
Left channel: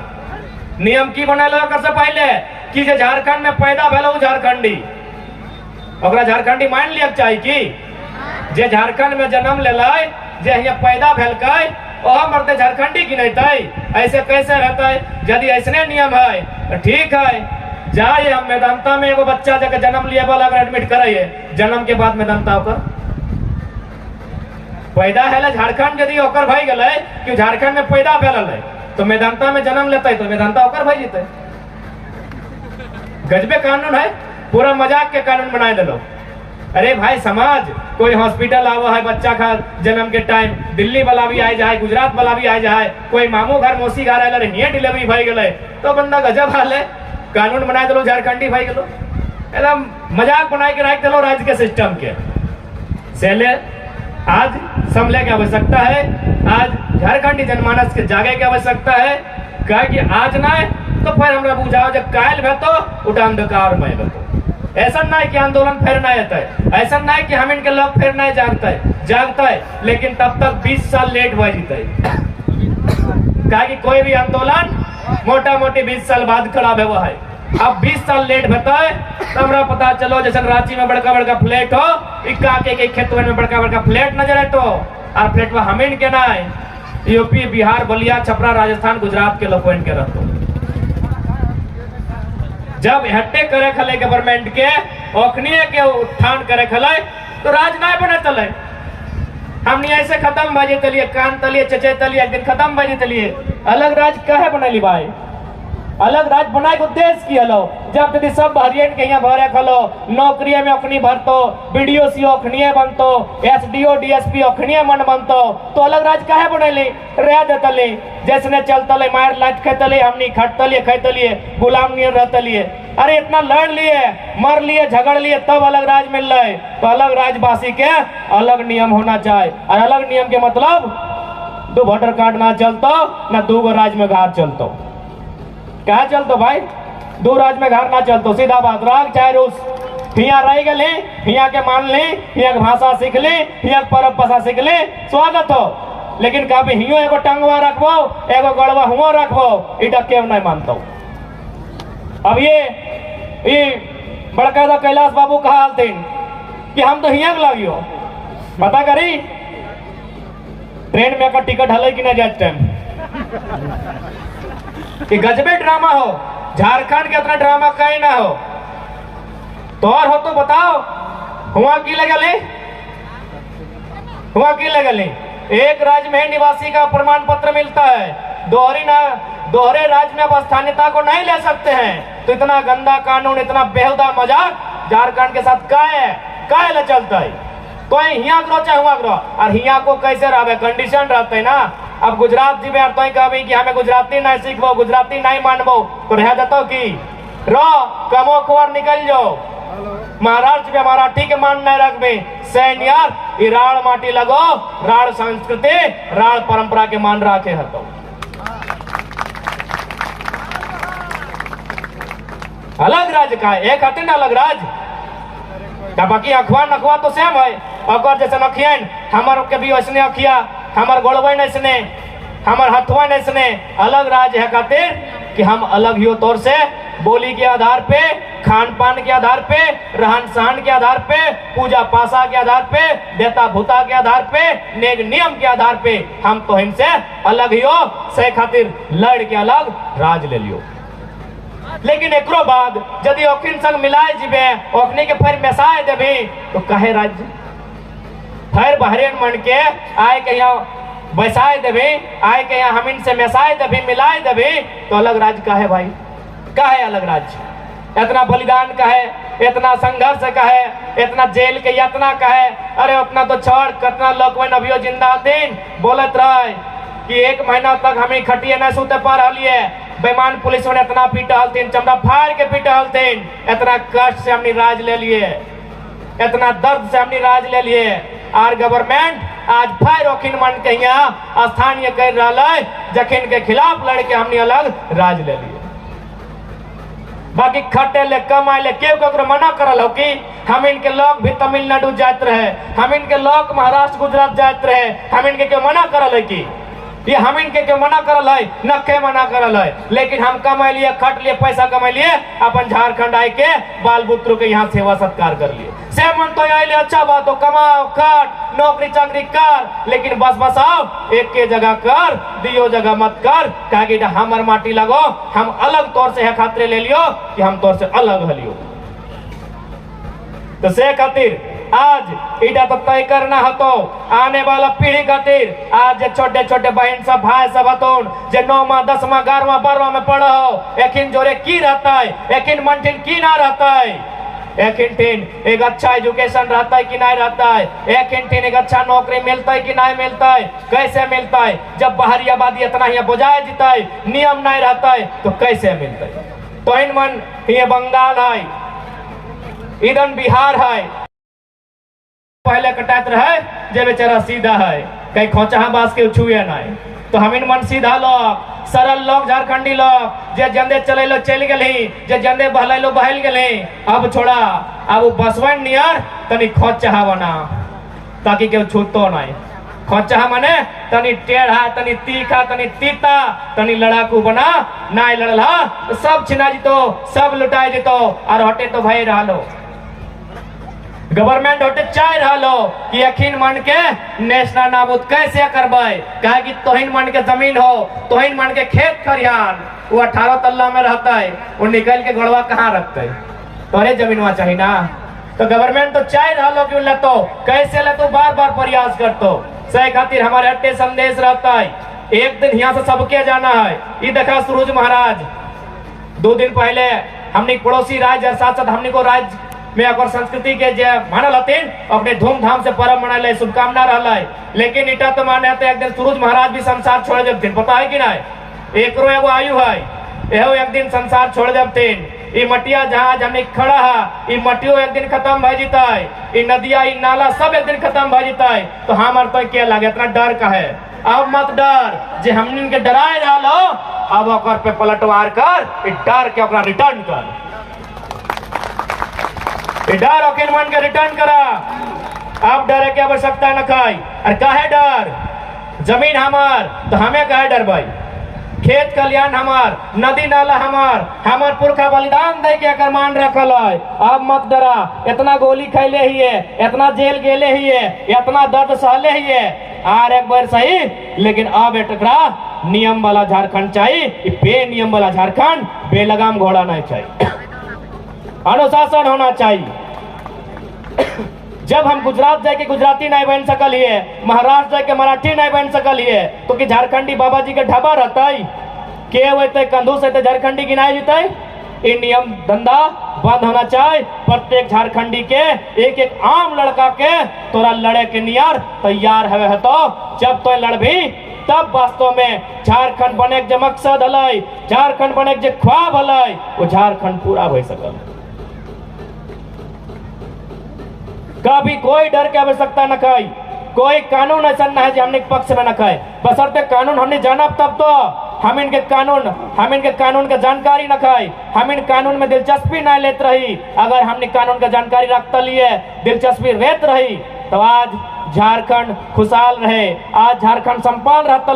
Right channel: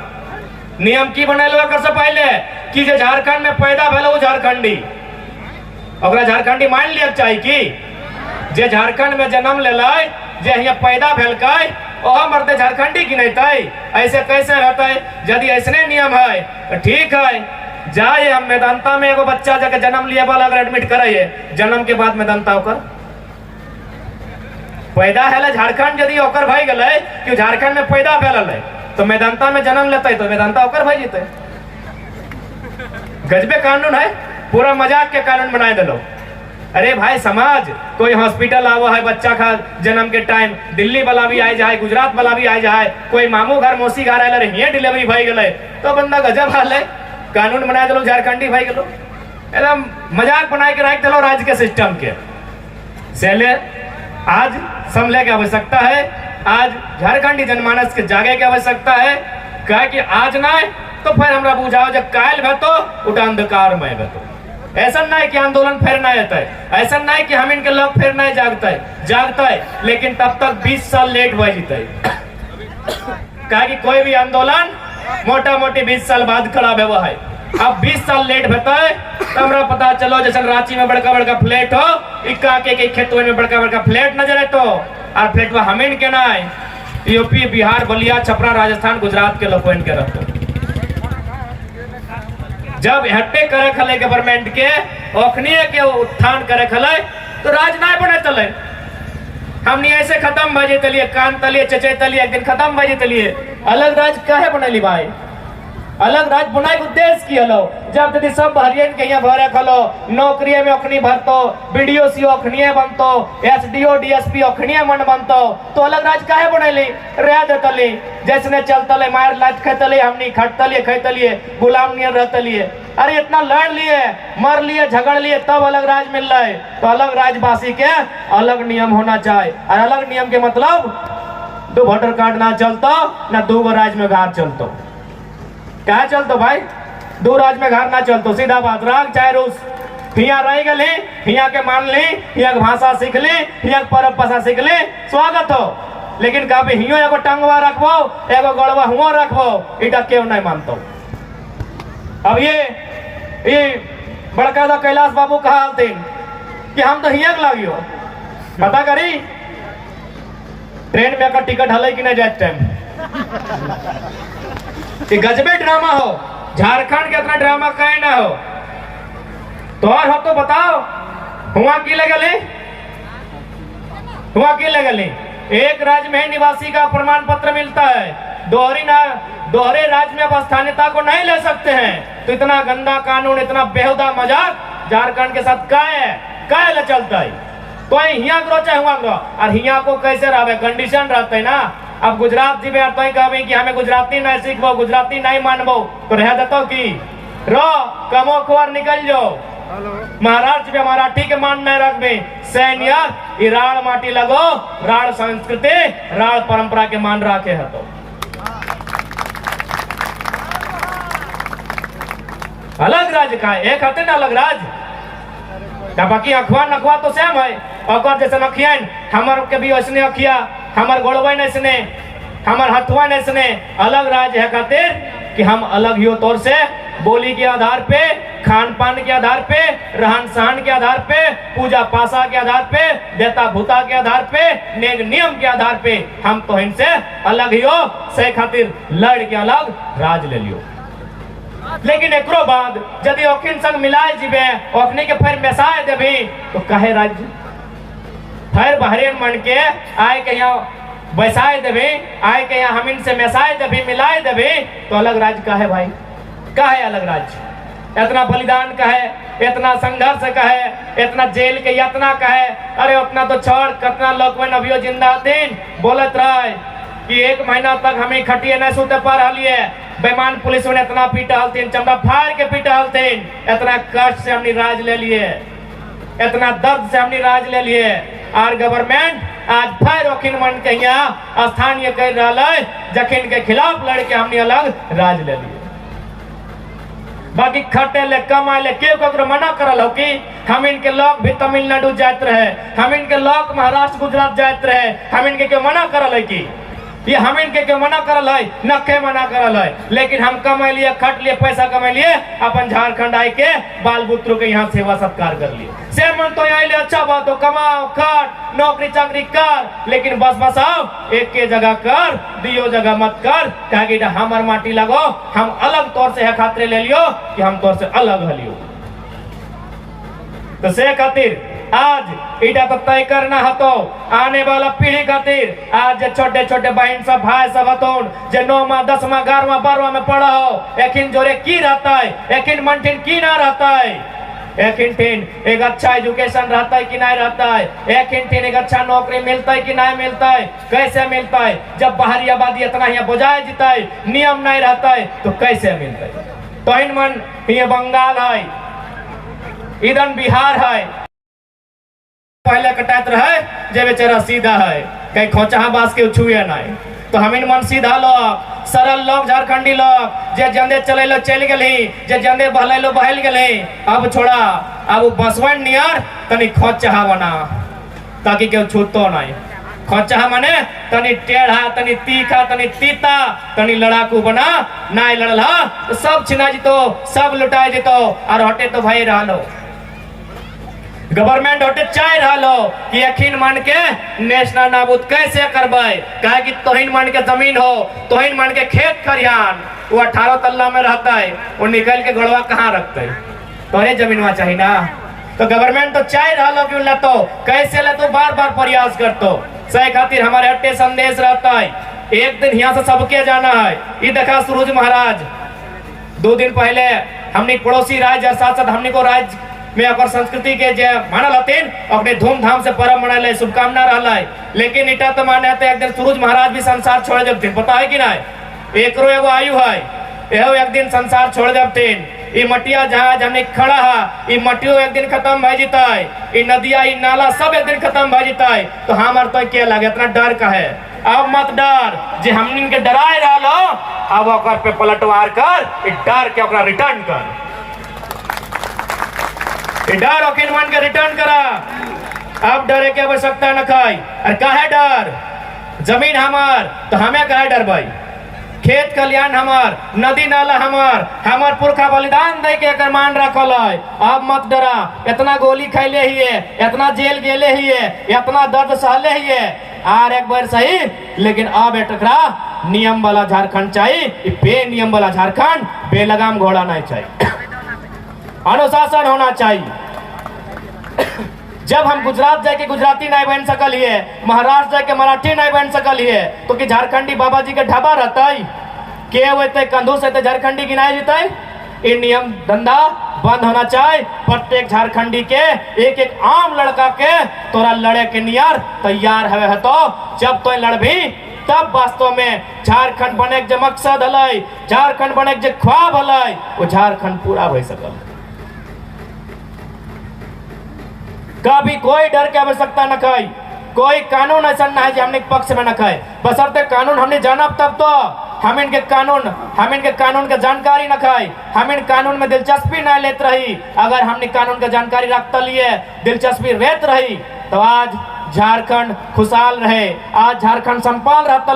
नियम की बनल हो से पहले कि जे झारखंड में पैदा भेलो झारखंडी, ओकरा झारखंडी मान लिया चाहिए कि जे झारखंड में जन्म ले जे यहाँ पैदा भेलकै ओह मरते झारखंडी की नहीं। ऐसे कैसे रहता है? यदि ऐसने नियम है तो ठीक है, जाए हम मेदांता में एगो बच्चा जाके जन्म लिए वाला अगर एडमिट कराइए, जन्म के बाद मेदांता होकर पैदा है झारखंड यदि होकर भाई गए कि झारखंड में पैदा भेल है तो मेदांता में जन्म लेते तो मेदांता होकर भाई जीते। गजबे कानून है, पूरा मजाक के कानून बनाए दिलो। अरे भाई समाज कोई हॉस्पिटल आवा है बच्चा का जन्म के टाइम, दिल्ली वाला भी आए जाए, गुजरात वाला भी आए जाए, कोई मामू घर मौसी घर आए ये डिलीवरी भाई गए तो बंदा गजब हाल है। कानून बना दिलो झारखंडी भाई गलो, एकदम मजाक बनाए के रख दिलो राज्य के सिस्टम के। सेले आज संभले की आवश्यकता है, आज झारखंडी जनमानस के जागे की आवश्यकता है। कहे कि आज ना तो फिर हमरा बुझाओ जब कायल भेतो उठा अंधकार में भेतो। ऐसा नहीं कि आंदोलन फिर नहीं आता है, ऐसा नहीं कि हम इनके लोग फिर नहीं जागता है, लेकिन तब तक 20 साल लेट हो जीता है। कहा कि कोई भी आंदोलन मोटा मोटी 20 साल बाद खड़ा हुआ है। अब 20 साल लेट होता है तो हमरा पता चलो जैसे रांची में बड़का बड़का फ्लैट हो, इक्का के खेतों में बड़का बड़का फ्लैट नजर है तो और फ्लैट में हमें के ना यूपी बिहार बलिया छपरा राजस्थान गुजरात के लोग के रखो। जब हट्टे करे खले गवर्नमेंट के ओखनीय के उत्थान करे खले तो राज ना बने तले। हमने ऐसे खत्म बजे तलिए कान तलिए चचे तलिए एक दिन खत्म बजे तलिए। अलग राज काहे बनली भाई? अलग राज बनाए उद्देश्य की हलो जब यदि सब हरियन के यहाँ भरे खलो नौकरी में ओखनी भरतो, बीडीओ सी ओखनी बनतो, एसडीओ डीएसपी ओखनी मन बनतो तो अलग राज काहे बनैली? रह देतली जैसने चलतले मार लात खेतली, हमनी खटतलिए खैतलिए गुलाम नियर रहतलिए। अरे इतना लड़ लिए मर लिए झगड़ लिए तब अलग राज मिल रहा है। तो अलग राजवासी के अलग नियम होना चाहिए। और अलग नियम के मतलब 2 वोटर कार्ड ना चलतो ना 2 राज में घर चलतो। क्या चलतो भाई? 2 राज में घर ना चलतो, सीधा बात। राग चाहे रूस हिया रह गए, हिया के मान ली, हिया के भाषा सीख ली, हिया के परब भाषा सीख ली, स्वागत हो। लेकिन कभी हियो एगो टंगवा रखबो एगो गड़वा हुआ रखबो इटा क्यों नहीं मानतो। अब ये बड़का दा कैलाश बाबू कहा हलतीन कि हम तो हिया लागियो पता करी ट्रेन में का टिकट हल कि नहीं जाए टाइम। गजबे ड्रामा हो, झारखंड के इतना ड्रामा कहीं ना हो। तो और हो तो बताओ हुआ की लगल हुआ की लगल? एक राज्य में निवासी का प्रमाण पत्र मिलता है, दोहरे राज्य में अब स्थानीयता को नहीं ले सकते हैं। तो इतना गंदा कानून, इतना बेहुदा मजाक झारखंड के साथ काहे चलता है? कोई हिया करो चाहे हुआ करो, और हिया को कैसे रहे कंडीशन रहते है ना। अब गुजरात जी में तो कभी कि हमें गुजराती नहीं सीखबो, गुजराती नहीं मानबो तो रह देता कि रो कमो खबर निकल जाओ। महाराष्ट्र में मराठी के मान नहीं रखबे सैन्य राड़ माटी लगो, राड़ संस्कृति राड़ परंपरा के मान रखे है। तो अलग राज्य का एक हटे ना अलग राज्य, बाकी अखबार नखवा तो सेम है। अखबार जैसे नखियन हमार के भी वैसने अखिया, हमार गोड़वा नैसने, हमार हथवा नैसने। अलग राज्य है खातिर कि हम अलग ही तौर से बोली के आधार पे, खान पान के आधार पे, रहन सहन के आधार पे, पूजा पासा के आधार पे, बेता भूता के आधार पे, नेग नियम के आधार पे हम तो इनसे अलग ही हो से खातिर लड़ के अलग राज ले लियो। लेकिन एकरो बाद यदि ओखिन संग मिलाए जीवे ओखनी के फिर मेसाए देवी तो कहे राज्य फिर बहरेन मन के आए के यहाँ बैसाए देवी, आए के यहाँ हम इनसे मेसाए देवी मिलाए देवी तो अलग राज्य का है भाई? का है अलग राज्य? इतना बलिदान का है, इतना संघर्ष का है, इतना जेल के यातना का है। अरे अपना तो छोड़, कितना लोग अभियो जिंदा दिन बोलत रहे कि 1 महीना तक हमें खटिए न सूते पर हलिए। बेमान पुलिस ने इतना पीटा हलतीन, चमड़ा फाड़ के पीटा हलतीन। इतना कष्ट से हमने राज ले लिए, इतना दर्द से हमने राज ले लिए। और गवर्नमेंट आज फिर ओखिन मन के यहाँ स्थानीय कर रहा है जखिन के खिलाफ लड़के हमने अलग राज ले लिए। बाकी खटे ले कमाए ले क्यों ककरो मना करल हो कि हम इनके लोग भी तमिलनाडु जात रहे, हम इनके लोग महाराष्ट्र गुजरात जात रहे, हम इनके क्यों मना करल है कि ये हम इनके क्यों मना करल है, न के मना करल है। लेकिन हम कमा लिए, खट लिए, पैसा कमा लिए, अपन झारखंड आए के बाल बुतरू के यहाँ सेवा सत्कार कर लिए। से मन तो यहाँ ले अच्छा बात हो, कमाओ, खट, नौकरी चाकरी कर, लेकिन बस बस आओ एक के जगह कर, दियो जगह मत कर, ताकि हमर माटी लगो, हम अलग तौर से है खातरे ले लियो कि हम तौर से अलग हलियो। तो से खातिर आज इटा तो तय करना हतो आने वाला पीढ़ी खातिर। आज छोटे छोटे बहन सब भाई सब हतोन जे 9वां 10वां 11वां 12वां में पढ़ा हो, एकिन जोरे की रहता है, एकिन मनठिन की ना रहता है, एकिन ठिन एक अच्छा एजुकेशन रहता है कि नहीं रहता है, एकिन ठिन एक अच्छा नौकरी मिलता है कि नहीं मिलता है, कैसे मिलता है। जब बाहरी आबादी इतना ही बजाय जीता है, नियम नहीं रहता है तो कैसे मिलता है। तो इन मन ये बंगाल है, इधर बिहार है, पहले कटात रहे जे बेचारा सीधा है, कहीं खोचा बास के छुए नहीं। तो हम इन मन सीधा लोग, सरल लोग, झारखंडी लोग जे जंदे चले लो चल गए, जे जंदे बहले लो बहल गए। अब छोड़ा, अब बसवन नियर तनी खोचा बना ताकि केहू छूतो नहीं। खोचा माने तनी टेढ़ा, तनी तीखा, तनी तीता, तनी लड़ाकू बना, नहीं लड़ला तो सब छिना जीतो, सब लुटाई जीतो, और हटे तो भाई रहा लो गवर्नमेंट होते चाह रहा लो कि यकीन मान के नेशनल नाबूद कैसे करबे, कहे कि तोहिन मान के जमीन हो, तोहिन मान के खेत खरियान, वो 18 तल्ला में रहता है, वो निकल के गड़वा कहाँ रखते है, तोरे जमीन वहां चाहिए ना। तो गवर्नमेंट तो चाह रहा लो कि ले तो कैसे ले तो बार बार प्रयास करतो। सही खातिर हमारे हट्टे संदेश रहता है, एक दिन यहाँ से सबके जाना है। ये देखा सूरज महाराज 2 दिन पहले हमने पड़ोसी राज्य और साथ साथ हमने को राज्य में अगर संस्कृति के जे मानल हथिन अपने धूमधाम से पर्व मनाए शुभकामना रहा। लेकिन इटा तो माने तो एक दिन सूरज महाराज भी संसार छोड़ देवथिन, पता है कि नहीं, एकरो एगो आयु है, एहो एक दिन संसार छोड़ देवथिन। ये मटिया जहाज हमने खड़ा है, ये मटियो एक दिन खत्म भय जीता है, ये नदिया ये नाला सब एक दिन खत्म भय जीता है। तो हमार तो क्या लगे इतना डर का है। अब मत डर, जे हमने के डराए रहा लो, अब ओकर पे पलटवार कर, डर के ओकरा रिटर्न कर, डर ओके मन के रिटर्न करा। अब डरे की आवश्यकता न खाई। और काहे डर, जमीन हमार तो हमें काहे डर भाई, खेत खलियान हमार, नदी नाला हमार, हमार पुरखा बलिदान दे के अगर मान रखल है। अब मत डरा, इतना गोली खैले ही है, इतना जेल गेले ही है, इतना दर्द सहले ही है, आर एक बार सही। लेकिन अब टकरा नियम वाला झारखंड चाहिए, बे नियम वाला झारखंड, बेलगाम घोड़ा नहीं चाहिए, अनुशासन होना चाहिए। जब हम गुजरात जाके गुजराती नहीं बन सकल है, महाराष्ट्र जाके मराठी नहीं बन सकल है, तो कि झारखंडी बाबा जी के ढाबा रहता है के होते कंधू से झारखंडी गिनाए जीता है। ये नियम धंधा बंद होना चाहिए। प्रत्येक झारखंडी के एक एक आम लड़का के तोरा लड़े के नियर तैयार है तो जब तो लड़भी तब वास्तव में झारखंड बने के मकसद हल, झारखंड बने के ख्वाब हल, वो झारखंड पूरा हो सकल। कभी कोई डर की आवश्यकता न खाई, कोई कानून ऐसा न है जो हमने पक्ष में न खाए, बशर्ते कानून हमने जाना तब तो हम इनके कानून का जानकारी न खाई, हम इन कानून में दिलचस्पी न लेते रही। अगर हमने कानून का जानकारी रखते लिए दिलचस्पी रहते रही तो आज झारखंड खुशहाल रहे, आज झारखंड संपन्न रहता।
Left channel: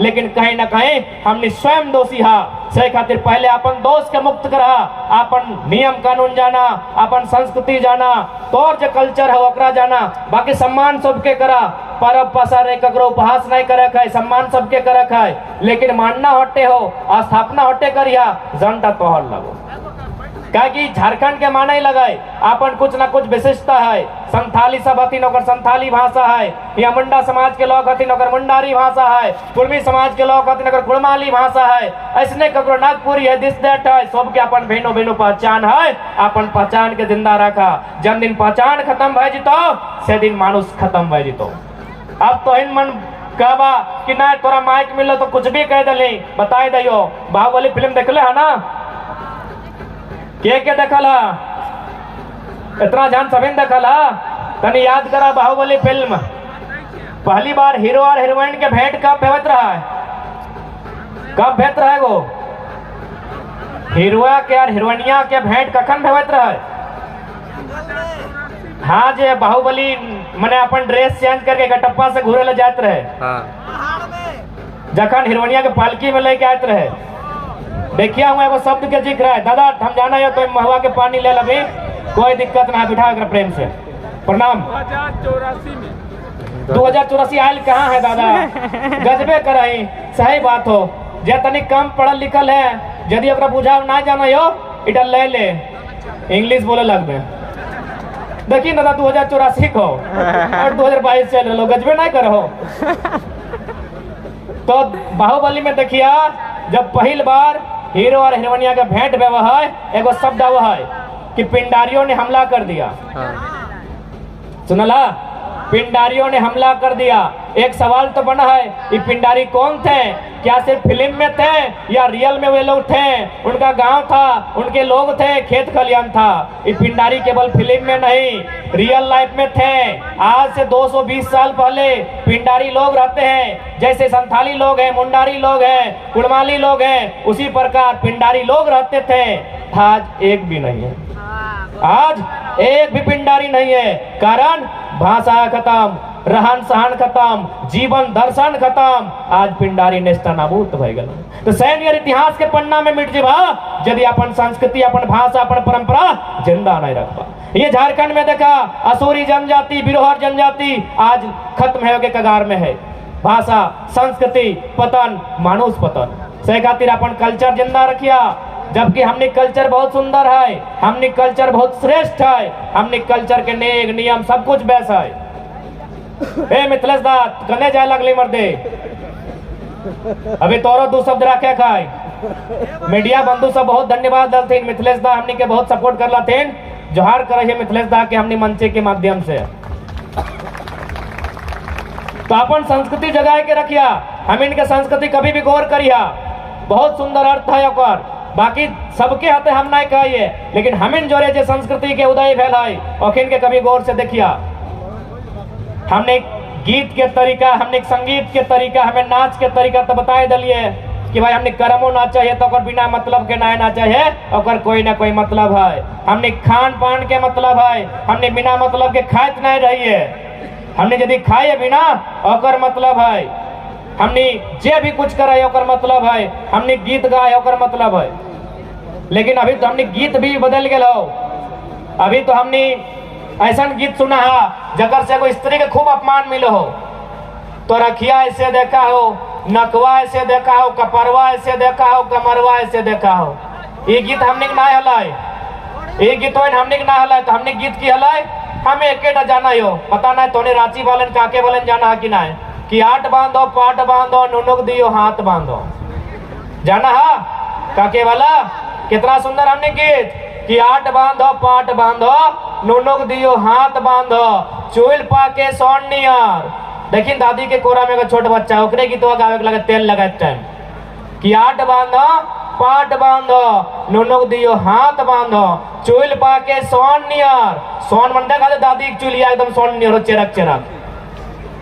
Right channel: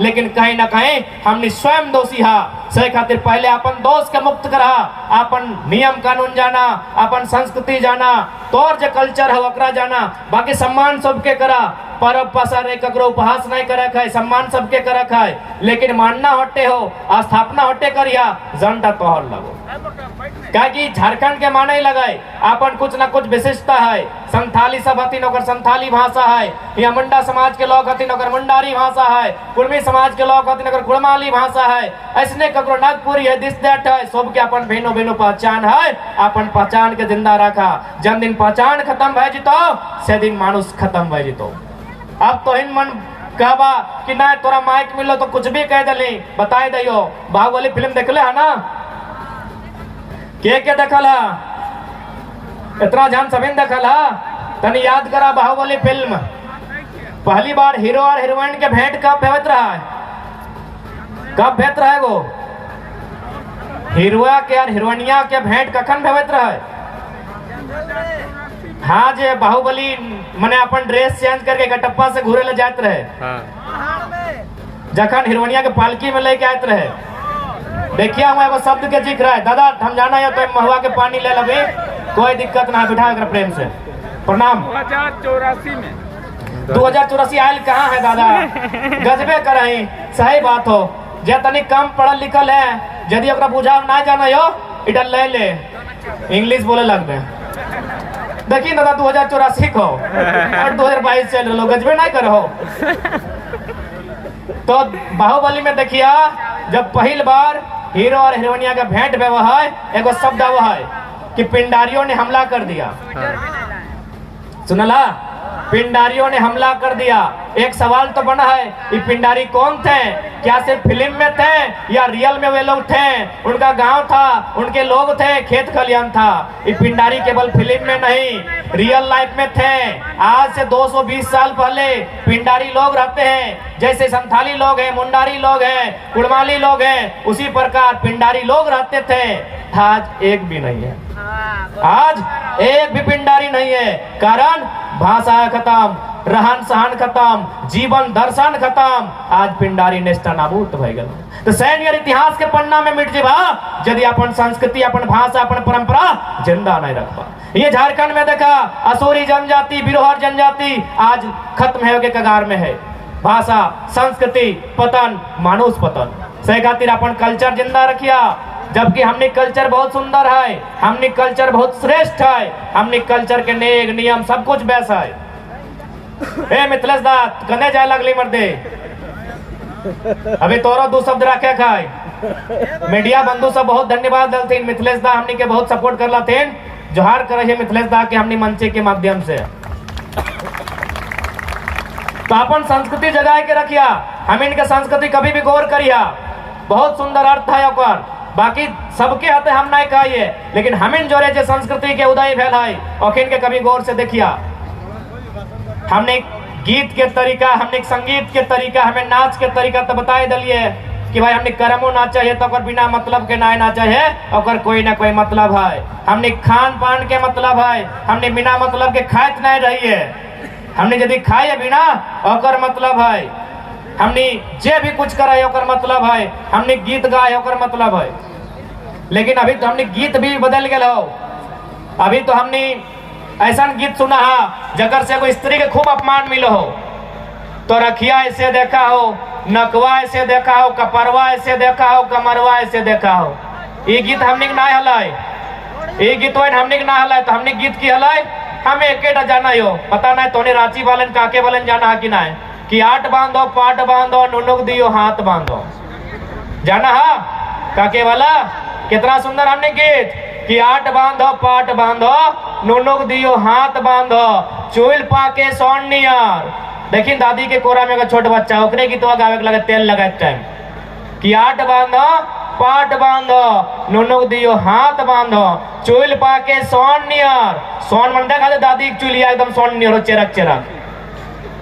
लेकिन कहीं ना कहीं हमने स्वयं दोषी हा। सही खातिर पहले अपन दोष के मुक्त करा, अपन नियम कानून जाना, अपन संस्कृति जाना, तोर जो कल्चर है ओकरा जाना, बाकी सम्मान सबके करा, परब पसारे ककरो उपहास नहीं करे खाए, सम्मान सबके करे खाए। लेकिन मानना हटे हो, स्थापना हटे करिया, जनता तोहर लगो, क्योंकि झारखंड के माने लगाए अपन कुछ ना कुछ विशिष्टता है। संथाली सब हथिन ओकर संथाली भाषा है, या मुंडा समाज के लोग हथिन ओकर मुंडारी भाषा है, कुर्मी समाज के लोग हथिन ओकर कुड़माली भाषा है, ऐसने ककरो नागपुरी है, दिस दैट है, सबके अपन भेनो भेनो पहचान है। अपन पहचान के जिंदा रखा, जब दिन पहचान खत्म भय जीतो से दिन मानुष खत्म भय जीतो। अब तो इन मन कहबा कि ना तोरा माइक मिलो तो कुछ भी कह दे, बताई दियो बाहुबली फिल्म देखले है ना, के देखल है, इतना जान सभी देखल है, तनी याद करा बाहुबली फिल्म पहली बार हीरो और हीरोइन के भेंट कब भेवत रहा है, कब भेंट रहा है वो हिरुआ के और हिरोइनिया के भेंट कखन होत रहे? हाँ जे बाहुबली मने अपन ड्रेस चेंज करके गटप्पा से घूरे ले जात रहे, जखन हिरोइनिया के पालकी में लेके आते रहे। देखिए हम एगो शब्द के जिक्र है, दादा हम जाना है तो महुआ के पानी ले लबे, कोई दिक्कत ना, बिठा कर प्रेम से प्रणाम। 2084 आयल कहाँ है दादा? गजबे करही, सही बात हो। जे तनिक कम पढ़ल लिखल है, यदि ओकरा बुझा ना जाना हो इधर ले ले, इंग्लिश बोले लगबे। देखिए दादा 2084 को और 2022 चल रहा, गजबे नहीं करो। तो बाहुबली में देखिए जब पहली बार हीरो और हीरोइनिया का भेंट हुआ है, एगो शब्द हुआ है कि पिंडारियों ने हमला कर दिया। सुनला, पिंडारियों ने हमला कर दिया। एक सवाल तो बना है, ये पिंडारी कौन थे? क्या सिर्फ फिल्म में थे या रियल में वे लोग थे? उनका गांव था, उनके लोग थे, खेत खलियान था। ये पिंडारी केवल फिल्म में नहीं, रियल लाइफ में थे। आज से 220 साल पहले पिंडारी लोग रहते हैं, जैसे संथाली लोग हैं, मुंडारी लोग हैं, कुड़माली लोग हैं, उसी प्रकार पिंडारी लोग रहते थे। आज एक भी नहीं है, आज एक भी पिंडारी नहीं है। कारण भाषा खत्म, रहन सहन खत्म, जीवन दर्शन खत्म, आज पिंडारी नेस्तनाबूत भय गल। तो सैन्य इतिहास के पन्ना में मिट जेबा यदि अपन संस्कृति, अपन भाषा, अपन परंपरा जिंदा नहीं रखबा। ये झारखंड में देखा असुरी जनजाति, बिरोहर जनजाति आज खत्म है के कगार में है। भाषा, संस्कृति पतन, मानुष पतन। से खातिर अपन कल्चर जिंदा रखिया, जबकि हमने कल्चर बहुत सुंदर है, हमने कल्चर बहुत श्रेष्ठ है, हमने कल्चर के नेक नियम सब कुछ वैसा है। ए मिथिलेश दा कने जाए लगली मर्दे, अभी तोरो दो शब्द रखे खाए। मीडिया बंधु सब बहुत धन्यवाद दलथिन, मिथिलेश दा हमने के बहुत सपोर्ट करला थेन। जोहार करे मिथिलेश दा के हमने मंचे के माध्यम से। तो अपन संस्कृति जगाए के रखिया, हम इनके संस्कृति कभी भी गौर करिया, बहुत सुंदर अर्थ है ओकर। बाकी सबके हाथे हम नहीं कहिए, लेकिन हमिन जोरे जे संस्कृति के उदय भेल है ओखिन के कभी गौर से देखिया। हमने गीत के तरीका, हमने संगीत के तरीका, हमें नाच के तरीका तो बताए दिलिए कि भाई हमने कर्मो नाचा है तो बिना मतलब के ना नाचा है, और कोई ना कोई मतलब है। हमने खान पान के मतलब है, हमने बिना मतलब के खात नहीं रही है। हमने यदि खाए बिना और मतलब है, हमने जे भी कुछ करे ओकर मतलब है, हमने गीत गाए ओकर मतलब है। लेकिन अभी तो हमने गीत भी बदल गए हो। अभी तो हमने ऐसा गीत सुना है जकर से कोई स्त्री के खूब अपमान मिलो हो, तो रखिया ऐसे देखा हो, नकवा ऐसे देखा हो, कपरवा ऐसे देखा हो, कमरवा ऐसे देखा हो। ये गीत हमने ना हलाय, ये गीत हमने ना हलाय। तो हमने गीत की हलाय, हमें एक जाना हो, पता नहीं तोने रांची वालन काके वालन जाना है कि ना है कि आठ बांधो पाट बांधो नुनुक दियो हाथ बांधो, जाना है काके वाला? कितना सुंदर हमने गीत कि आठ बांधो पाट बांधो नुनुक दियो हाथ बांधो, चूल पाके सोन नियर। देखिए दादी के कोरा में छोट बच्चा ओकरे गीत गावे के लगे तेल लगा टाइम कि आठ बांधो पाट बांधो नुनुक दियो हाथ बांधो, चूल पाके सोन नियर। सोन मन देखा दादी चूलिया एकदम सोन नियर चेरक चेरक।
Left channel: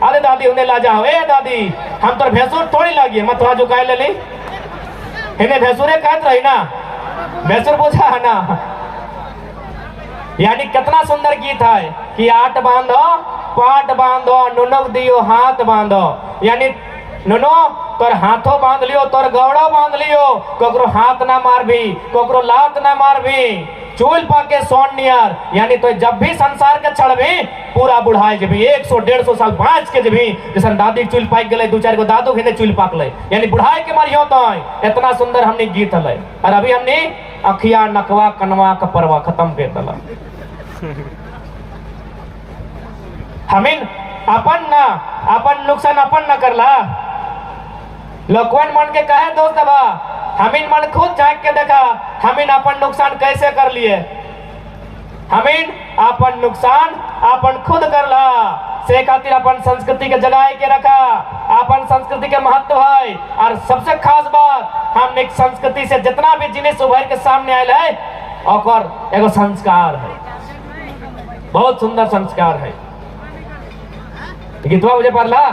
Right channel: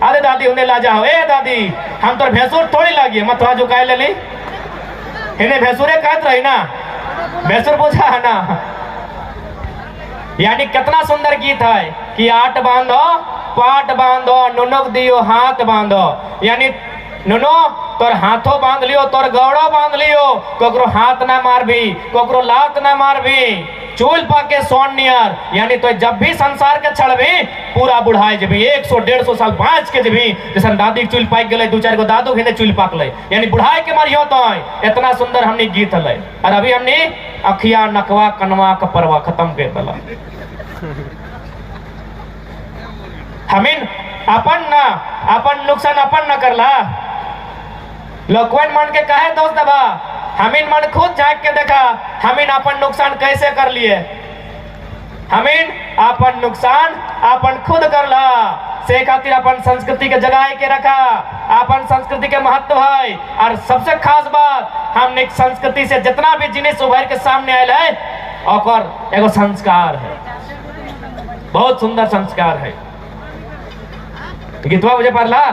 अरे दादी उन्हें ला जाओ, ए दादी हम तो भैंसुर थोड़ी लागिए, मत थोड़ा झुकाए ले ली, इन्हें भैंसुरे कहत रही ना, भैंसुर बुझा है ना। यानी कितना सुंदर गीत है कि आठ बांधो पाट बांधो नुनुक दियो हाथ बांधो। यानी नुनो तोर हाथों बांध लियो, तोर गौड़ो बांध लियो, कोकरो हाथ ना मारबी, कोकरो लात ना मारबी, चूल पाके सोन नियर। यानी तो जब भी संसार के छड़बी पूरा बुढ़ाई जबी 100-150 साल बाँच के जबी, जैसे दादी चूल पाक गए, दो चार गो दादू के चूल पाक ले, यानी बुढ़ाई के मारियो तो इतना सुंदर हमने गीत हल। और अभी हमने अखिया नकवा कनवा कपरवा खत्म कर दिला। हमिन अपन ना, अपन नुकसान अपन न करला, लोगवन मन के कहे दोस्त बा, हमिन मन खुद झांक के देखा हमिन अपन नुकसान कैसे कर लिए। हमिन अपन नुकसान अपन खुद करला, से खातिर अपन संस्कृति के जगाए के रखा, अपन संस्कृति के महत्व है। और सबसे खास बात, हमने संस्कृति से जितना भी जिनिस उभर के सामने आयल है और एगो संस्कार है, बहुत सुंदर संस्कार है। गीतवा मुझे पढ़ला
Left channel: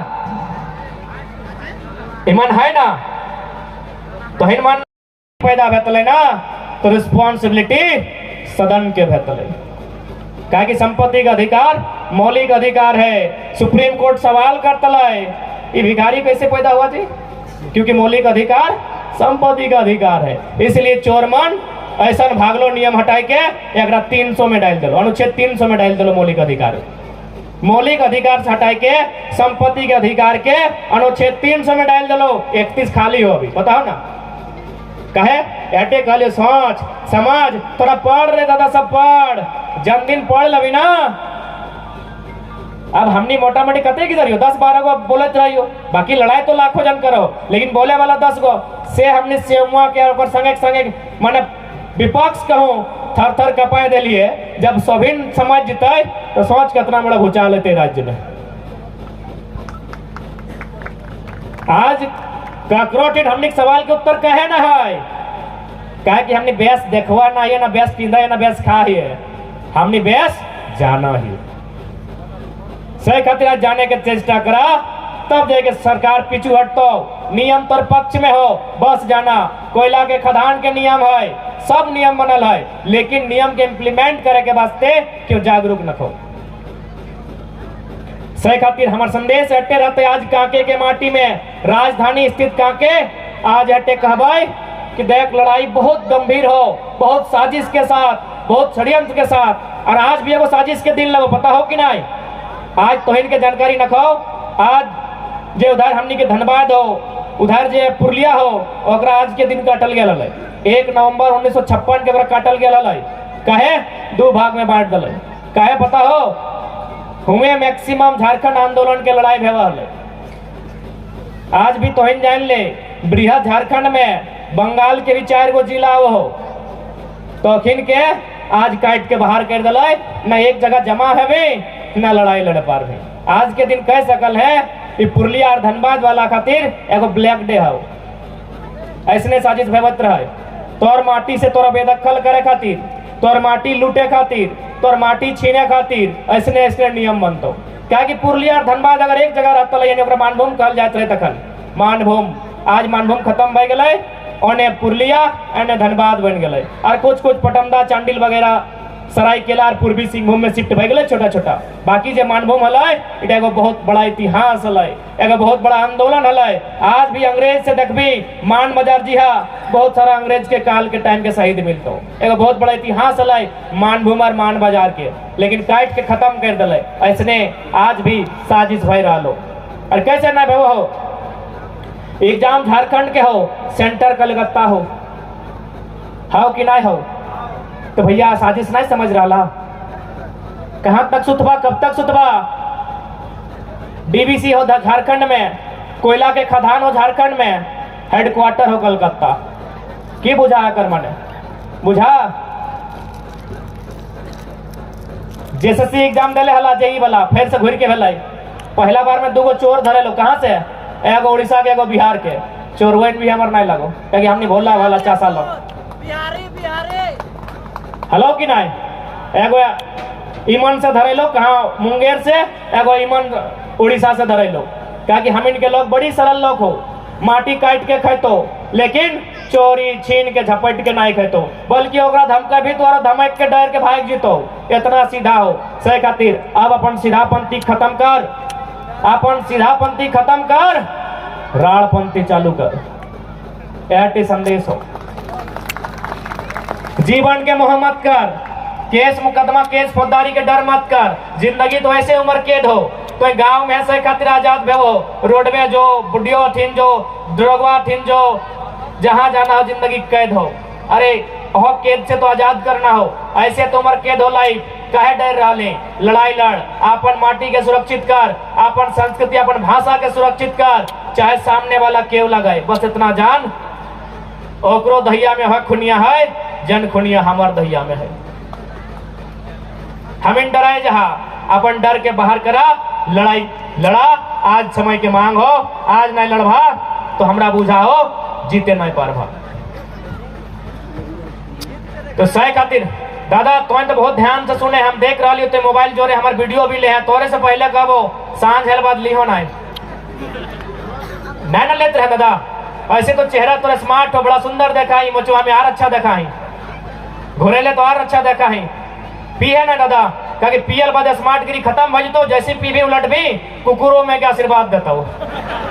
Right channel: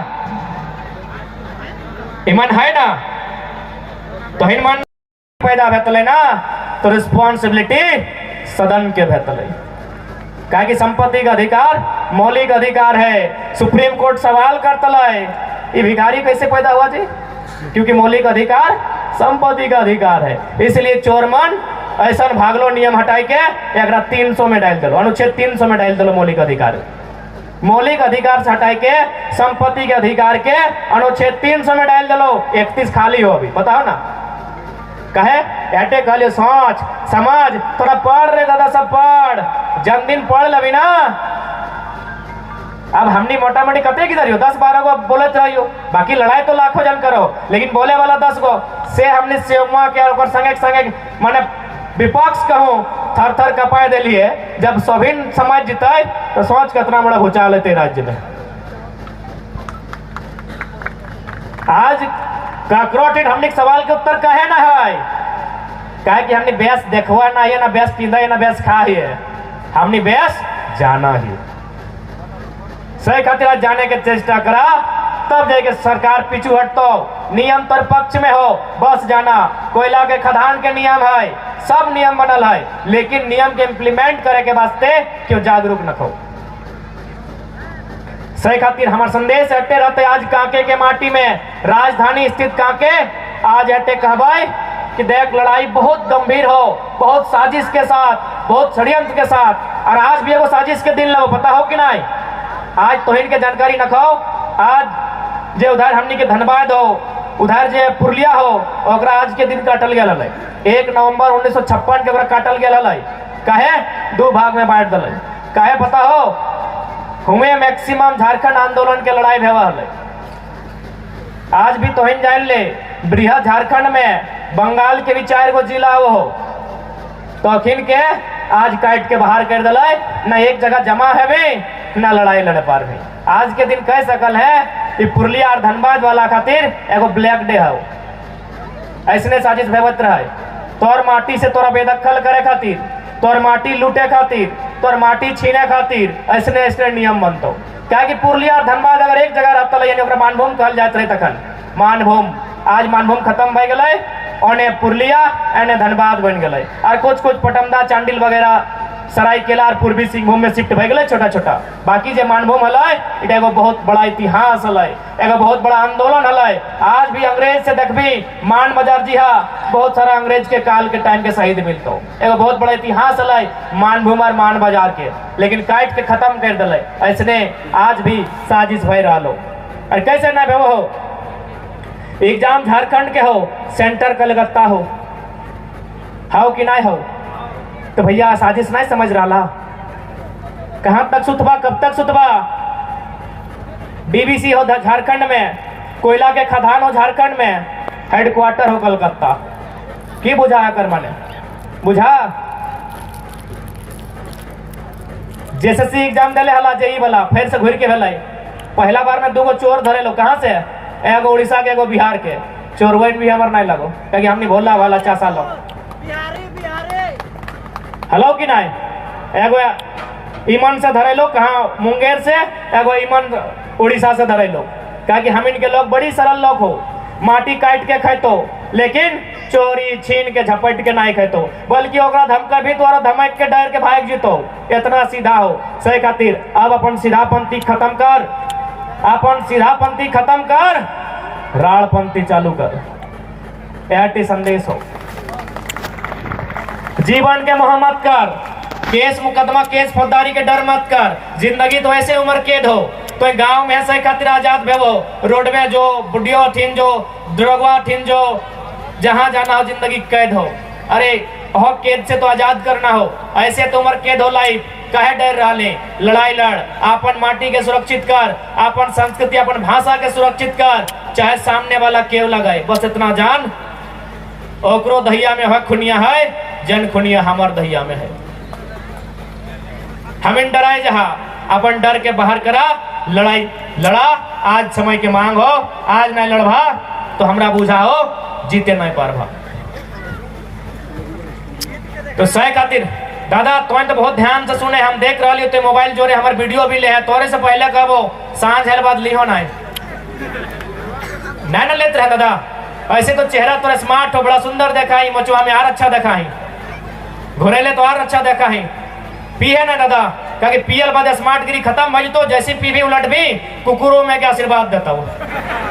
ईमान है ना, तो ईमान पैदा भेतले ना, तो रिस्पॉन्सिबिलिटी सदन के भेतल है। क्या कि संपत्ति का अधिकार मौलिक अधिकार है। सुप्रीम कोर्ट सवाल करता है ये भिखारी कैसे पैदा हुआ जी, क्योंकि मौलिक अधिकार संपत्ति का अधिकार है। इसलिए चोरमन ऐसा भागलो नियम हटाई के 300 में डाल दलो, अनुच्छेद 300 में डाल दलो। मौलिक अधिकार से हटाई के संपत्ति के अधिकार के अनुच्छेद 300 में डाल दलो। 31 खाली हो अभी, बताओ ना कहे एटे कहलिए सोच समाज तोरा पढ़ रे दादा, सब पढ़, जन्मदिन पढ़ लबी ना। अब हमने मोटा मोटी कते किधर हो 10-12 गो बोलत रहियो, बाकी लड़ाई तो लाखों जन करो, लेकिन बोले वाला 10 गो से हमने सेवा के और संगे माने विपक्ष कहूँ थर थर कपाए दिलिए। जब सभी समाज जीते तो सोच कितना बड़ा भूचाल लेते राज्य में। आज काकरोटेड हमने सवाल के उत्तर कहे ना है, कहे कि हमने बेस देखवा ना है, ना बेस पींदा है, ना बेस खा है, हमने बेस जाना ही सही खातिर आज जाने के चेष्टा करा, तब जाके सरकार पीछू हटतो। नियम तर पक्ष में हो, बस जाना। कोयला के खदान के नियम है, सब नियम बनल है, लेकिन नियम के इम्प्लीमेंट करे के वास्ते क्यों जागरूक न हो। सही खातिर हमार संदेश हटे रहते आज कांके के माटी में, राजधानी स्थित कांके आज हटे कहबाई कि देख लड़ाई बहुत गंभीर हो, बहुत साजिश के साथ, बहुत षड्यंत्र के साथ, और आज भी एगो साजिश के दिन लगो, पता हो कि नहीं। आज तो इनके जानकारी न खाओ। आज जे उधर हमनी के धनबाद हो, उधर जे पुरलिया हो, ओकरा आज के दिन काटल गया है 1 नवंबर 1956 के काटल गया है। कहे 2 भाग में बांट दल, कहे पता हो हुए मैक्सिमम झारखंड आंदोलन के लड़ाई भेवा है। आज भी तोहिन जान ले बृहद झारखंड में बंगाल के भी 4 गो जिला हो, तो अखिन के आज काट के बाहर कर दिल, न एक जगह जमा है न लड़ाई लड़े पार में। आज के दिन कह सकल है कि पुरलिया और धनबाद वाला खातिर एगो ब्लैक डे है, ऐसने साजिश भेवत रहे। तोर माटी से तोरा बेदखल करे खातिर, तोर माटी लूटे खातिर, तोर माटी छीने खातिर ऐसने ऐसने नियम बनतो। क्या कि पुरलिया और धनबाद अगर एक जगह रहता यानी ओकरा मानभूम कहल जात रहे, तखन मानभूम। आज मानभूम खत्म भय गए, ओने पुरलिया एने धनबाद बन गए, और कुछ पटमदा चांडिल वगैरह सरायकेला और पूर्वी सिंहभूम में शिफ्ट भय गए छोटा छोटा। बाकी जे मानभूम हल एगो बहुत बड़ा इतिहास हल, एगो बहुत बड़ा आंदोलन हल। आज भी अंग्रेज से देखबी मान बाजार जी हाँ बहुत सारा अंग्रेज के काल के टाइम के शहीद मिलतो, एगो बहुत बड़ा इतिहास हल मानभूम और मान बाजार के, लेकिन काट के खत्म कर दिले। ऐसने आज भी साजिश भय रहा और कैसे ना भेवो हो। एग्जाम झारखंड के हो, सेंटर कलकत्ता हो कि नहीं हो, तो भैया साजिश नहीं समझ रहा। कहां तक सुतबा, कब तक सुतबा। डीबीसी हो झारखंड में, कोयला के खदान हो झारखंड में, हेडक्वार्टर हो कलकत्ता। की बुझा कर माने बुझा। जेएसएससी एग्जाम दिले हला जेई वाला, फिर से घुर के भेल। पहला बार में 2 गो चोर धरे लो, कहां से, एगो उड़ीसा के एगो बिहार के। चोरवन भी हमार नहीं लगो, क्योंकि हमने भोला वाला 4 साल हेलो कि नहीं। एगो ईमन से धरे लो, कहाँ मुंगेर से, एगो ईमन उड़ीसा से धरे लो। क्या कि हम इनके लोग बड़ी सरल लोग हो, माटी काट के खेतो, लेकिन चोरी छीन के झपट के नहीं खेतो, बल्कि ओकरा धमका भी तो धमक के डर के भाग जीतो। इतना सीधा हो। सही खातिर अब अपन सीधापंथी खत्म कर, अपन सीधापंथी खत्म कर, राड़पंथी चालू कर। यह संदेश हो। जीवन के मोह मत कर, केस मुकदमा केस फौजदारी के डर मत कर। जिंदगी तो ऐसे उम्र कैद हो, तो गांव में ऐसे खातिर आजाद भेवो, रोड में जो बुढ़ियो ठिन जो ड्रगवा ठिन जो जहां जाना हो जिंदगी कैद हो। अरे हो कैद से तो आजाद करना हो, ऐसे तो उम्र कैद हो लाइफ। कहे डर रहे, लड़ाई लड़, अपन माटी के सुरक्षित कर, अपन संस्कृति अपन भाषा के सुरक्षित कर, चाहे सामने वाला केव लगाए, बस इतना जान ओकरो दहिया में है खुनिया है, जन खुनिया हमार दहिया में है। हमें डराए जहां, अपन डर के बाहर करा, लड़ाई लड़ा। आज समय के मांग हो, आज नहीं लड़भा तो हमरा बुझा हो जीते नहीं पारभा। तो सही खातिर दादा तो बहुत ध्यान से सुने, हम देख रहा लियो, तो मोबाइल जोरे हमारे वीडियो भी ले है, तोरे से पहले कबो सांझ हेल बाद लिहो नहीं ना लेते रहे दादा। ऐसे तो चेहरा तोरा स्मार्ट हो, बड़ा सुंदर दिखाई, मचुआ में और अच्छा दिखाई, घुरेले तो और अच्छा देखा है पी है ना दादा कहीं पियल बाद स्मार्ट गिरी खत्म भज तो जैसे पी भी उलट भी कुकुरों में क्या आशीर्वाद देता हो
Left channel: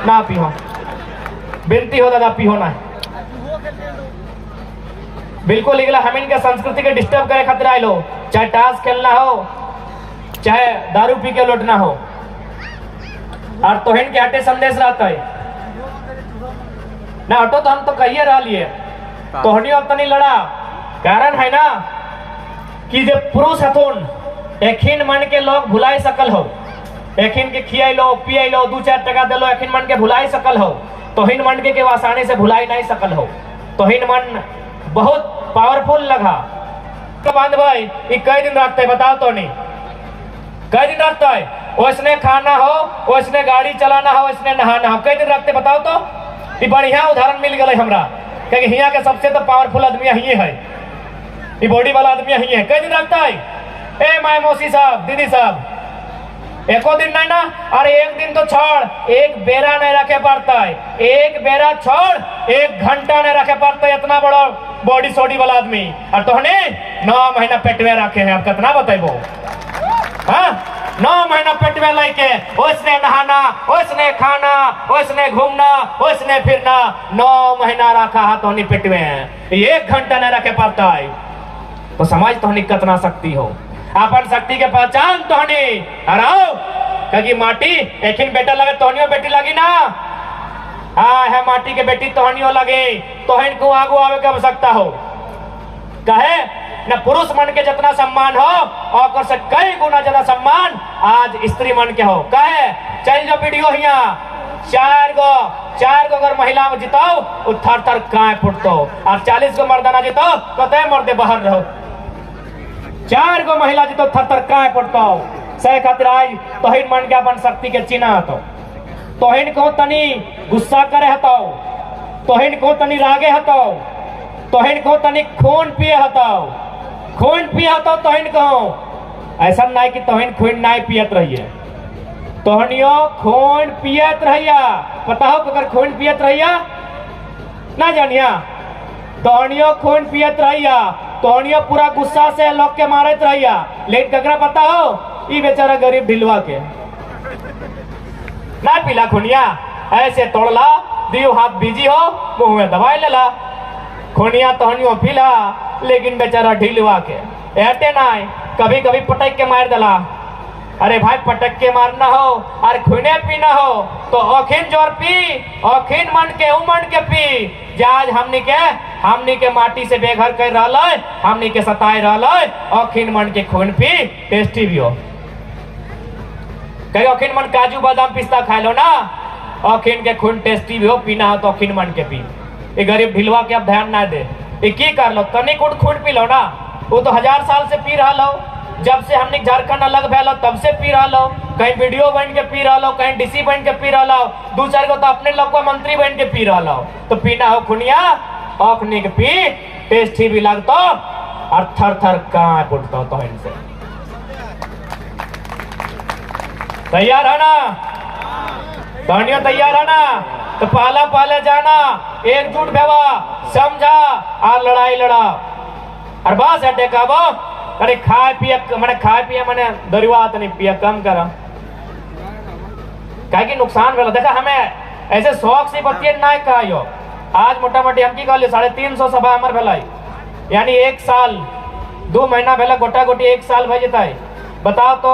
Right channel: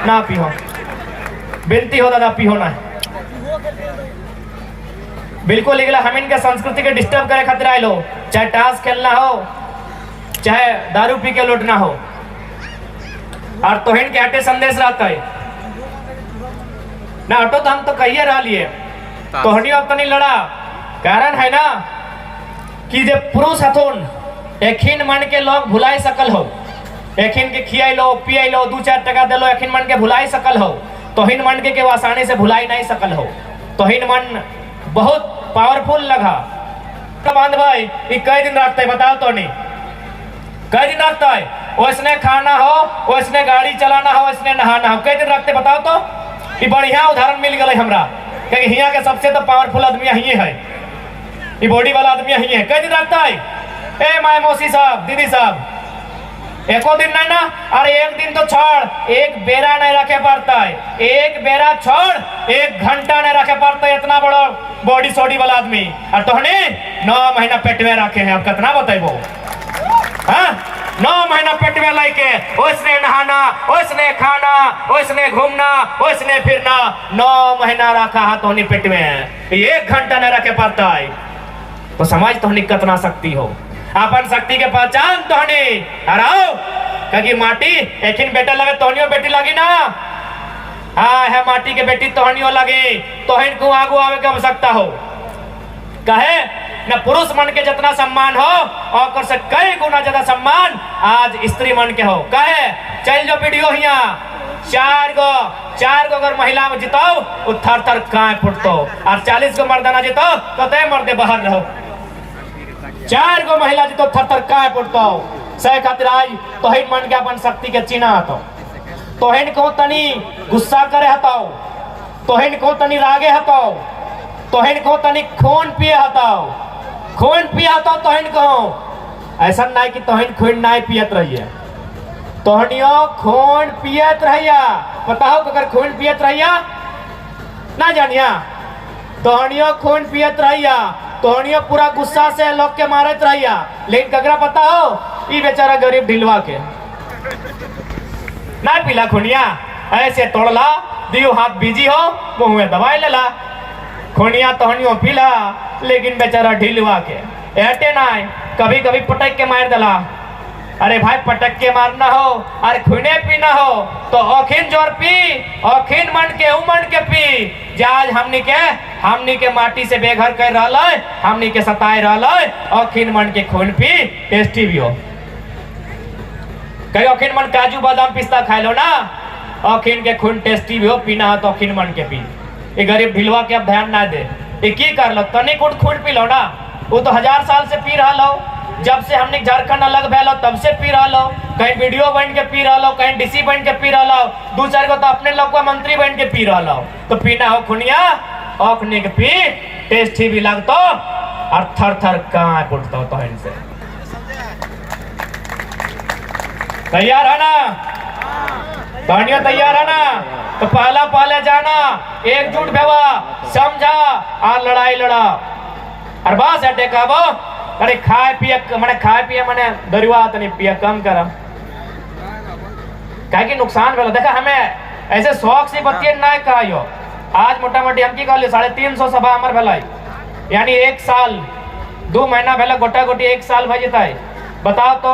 ना पियो बिनती हो दादा पियो ना बिल्कुल निकला हम इनके संस्कृति के डिस्टर्ब करे खातिर आए लो चाहे टास्क खेलना हो चाहे दारू पी के लौटना हो और तोहिन के हटे संदेश रहता है ना हटो तो हम तो कहिए रह लिए तोहनी अब तनी लड़ा कारण है ना कि जब पुरुष हथुन एखिन मन के लोग भुलाई सकल हो एखिन के खियाई लो पियाई लो 2-4 टका दे लो एखिन मन के भुलाई सकल हो तोहिन मन के आसानी से भुलाई नहीं सकल हो तोहिन मन बहुत पावरफुल लगा तो बांध भाई ये कई दिन रखते है बताओ तो नहीं कई दिन रखता है उसने खाना हो उसने गाड़ी चलाना हो उसने नहाना हो कई दिन रखते बताओ तो ये बढ़िया उदाहरण मिल गए हमरा क्योंकि हिया के सबसे तो पावरफुल आदमी ही है ये बॉडी वाला आदमी ही है कई दिन रखता है ए माय मौसी साहब दीदी साहब एको दिन नहीं ना अरे एक दिन तो छोड़ एक बेरा नहीं रखे पड़ता है एक बेरा छोड़ 1 घंटा नहीं रखे पड़ता है इतना बड़ा बॉडी सोडी वाला आदमी और तोहने 9 महीना पेट में रखे हैं आप कितना बताइबो हाँ 9 महीना पेट में लेके उसने नहाना उसने खाना उसने घूमना उसने फिरना 9 महीना रखा हाथ तोहनी पेट में 1 घंटा नहीं रखे पड़ता है तो समाज तोहनी कितना शक्ति हो अपन शक्ति के पहचान तोहनी हराओ क्योंकि माटी एकिन बेटा लगे तोहनियो बेटी लगी ना हाँ है माटी के बेटी तोहनियो लगे तोहिन को आगू आवे के आवश्यकता हो कहे न पुरुष मन के जितना सम्मान हो और से कई गुना ज्यादा सम्मान आज स्त्री मन के हो कहे चल जो वीडियो हिया 4 गो अगर महिला में जिताओ वो थर थर कांप फुटतो और 40 गो मर्दाना जिताओ तो तय मर्दे बाहर रहो 4 गो महिला जितो थर थर कांप फुटतो सही खातिर आज तोहिन मन के अपन शक्ति के चिन्ह हतो तोहिन को तनी गुस्सा करे हतो तोहिन को तनी रागे हतो तोहिन को तनी खून पिए हतो तोहिन को ऐसा नहीं कि तोहिन खून नहीं पियत रहिए तोहनियो खून पियत रहिया पता हो अगर खून पियत रहिया ना जानिया तोहनियो खून पियत रहिया तोहनियो पूरा गुस्सा से लोग के मारत रहिया लेकिन कगरा पता हो ये बेचारा गरीब ढिलवा के ना पीला खुनिया ऐसे तोड़ला दियो हाथ बीजी हो मुंह में दवाई लेला खुनिया तोहनियो पीला लेकिन बेचारा ढिलवा के एटे ना कभी कभी पटक के मार देला अरे भाई पटक के मारना हो अरे खुने पीना हो तो औखिन जोर पी औखिन मन के उमन के पी जाज हमनी के माटी से बेघर कर रहा है हमनी के सताए रहा है औखिन मन के खून पी टेस्टी भी हो कहीं औखिन मन काजू बादाम पिस्ता खाए लो ना औखिन के खून टेस्टी भी हो पीना हो तो औखिन मन के पी ये गरीब ढिलवा के अब ध्यान ना दे ये की कर लो तनिक खून पी लो ना वो तो 1000 साल से पी रहा लो जब से हमने झारखंड अलग भैलो तब से पी रहा लो कहीं वीडियो बन के पी रहा लो कहीं डीसी बन के पी रहा लो 2-4 को तो अपने लोग को मंत्री बन के पी रहा लो तो पीना हो खुनिया औखने के पी टेस्टी भी लगता और थर थर कांप उठता तो इनसे तैयार है ना तोहनियो तैयार है ना तो पहले जाना एकजुट भेवा समझा और लड़ाई लड़ा और बस हटे कहबो अरे खाए पिए मैंने दरिवा नहीं पिया कम करा कि नुकसान भेल देखा हमें ऐसे शौक से बतिये ना कहियो आज मोटा मोटी हम की कहलिए 350 सभा हमार भेलाई यानी 1 साल 2 महीना भेल गोटा गोटी 1 साल भे जता बताओ तो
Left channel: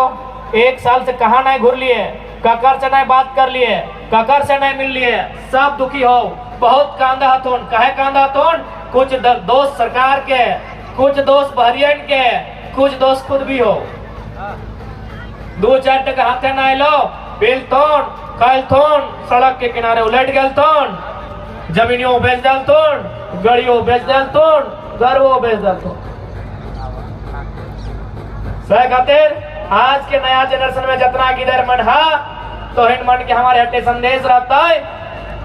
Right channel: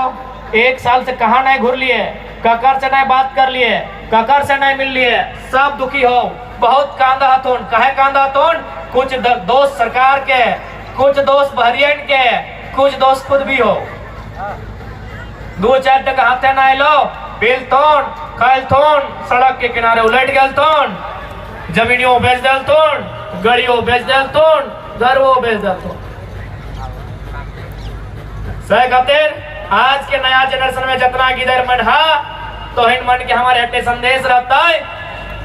1 साल से कहाँ नहीं घूर लिए ककर से नहीं बात कर लिए ककर से नहीं मिल लिए सब दुखी हो बहुत कांदा हथुन कहे कांदा हथुन कुछ दोस्त सरकार के कुछ दोस्त बहरियन के कुछ दोस्त खुद भी हो 2-4 टका हाथे ना लो बिल तोन कल तोन सड़क के किनारे उलट गल तोन जमीनियों बेच दल तोन गाड़ियों बेच दल तोन घरों बेच दल तोन सही खातिर आज के नया जनरेशन में जितना गिदर मन है तो हिन मन के हमारे हटे संदेश रहता है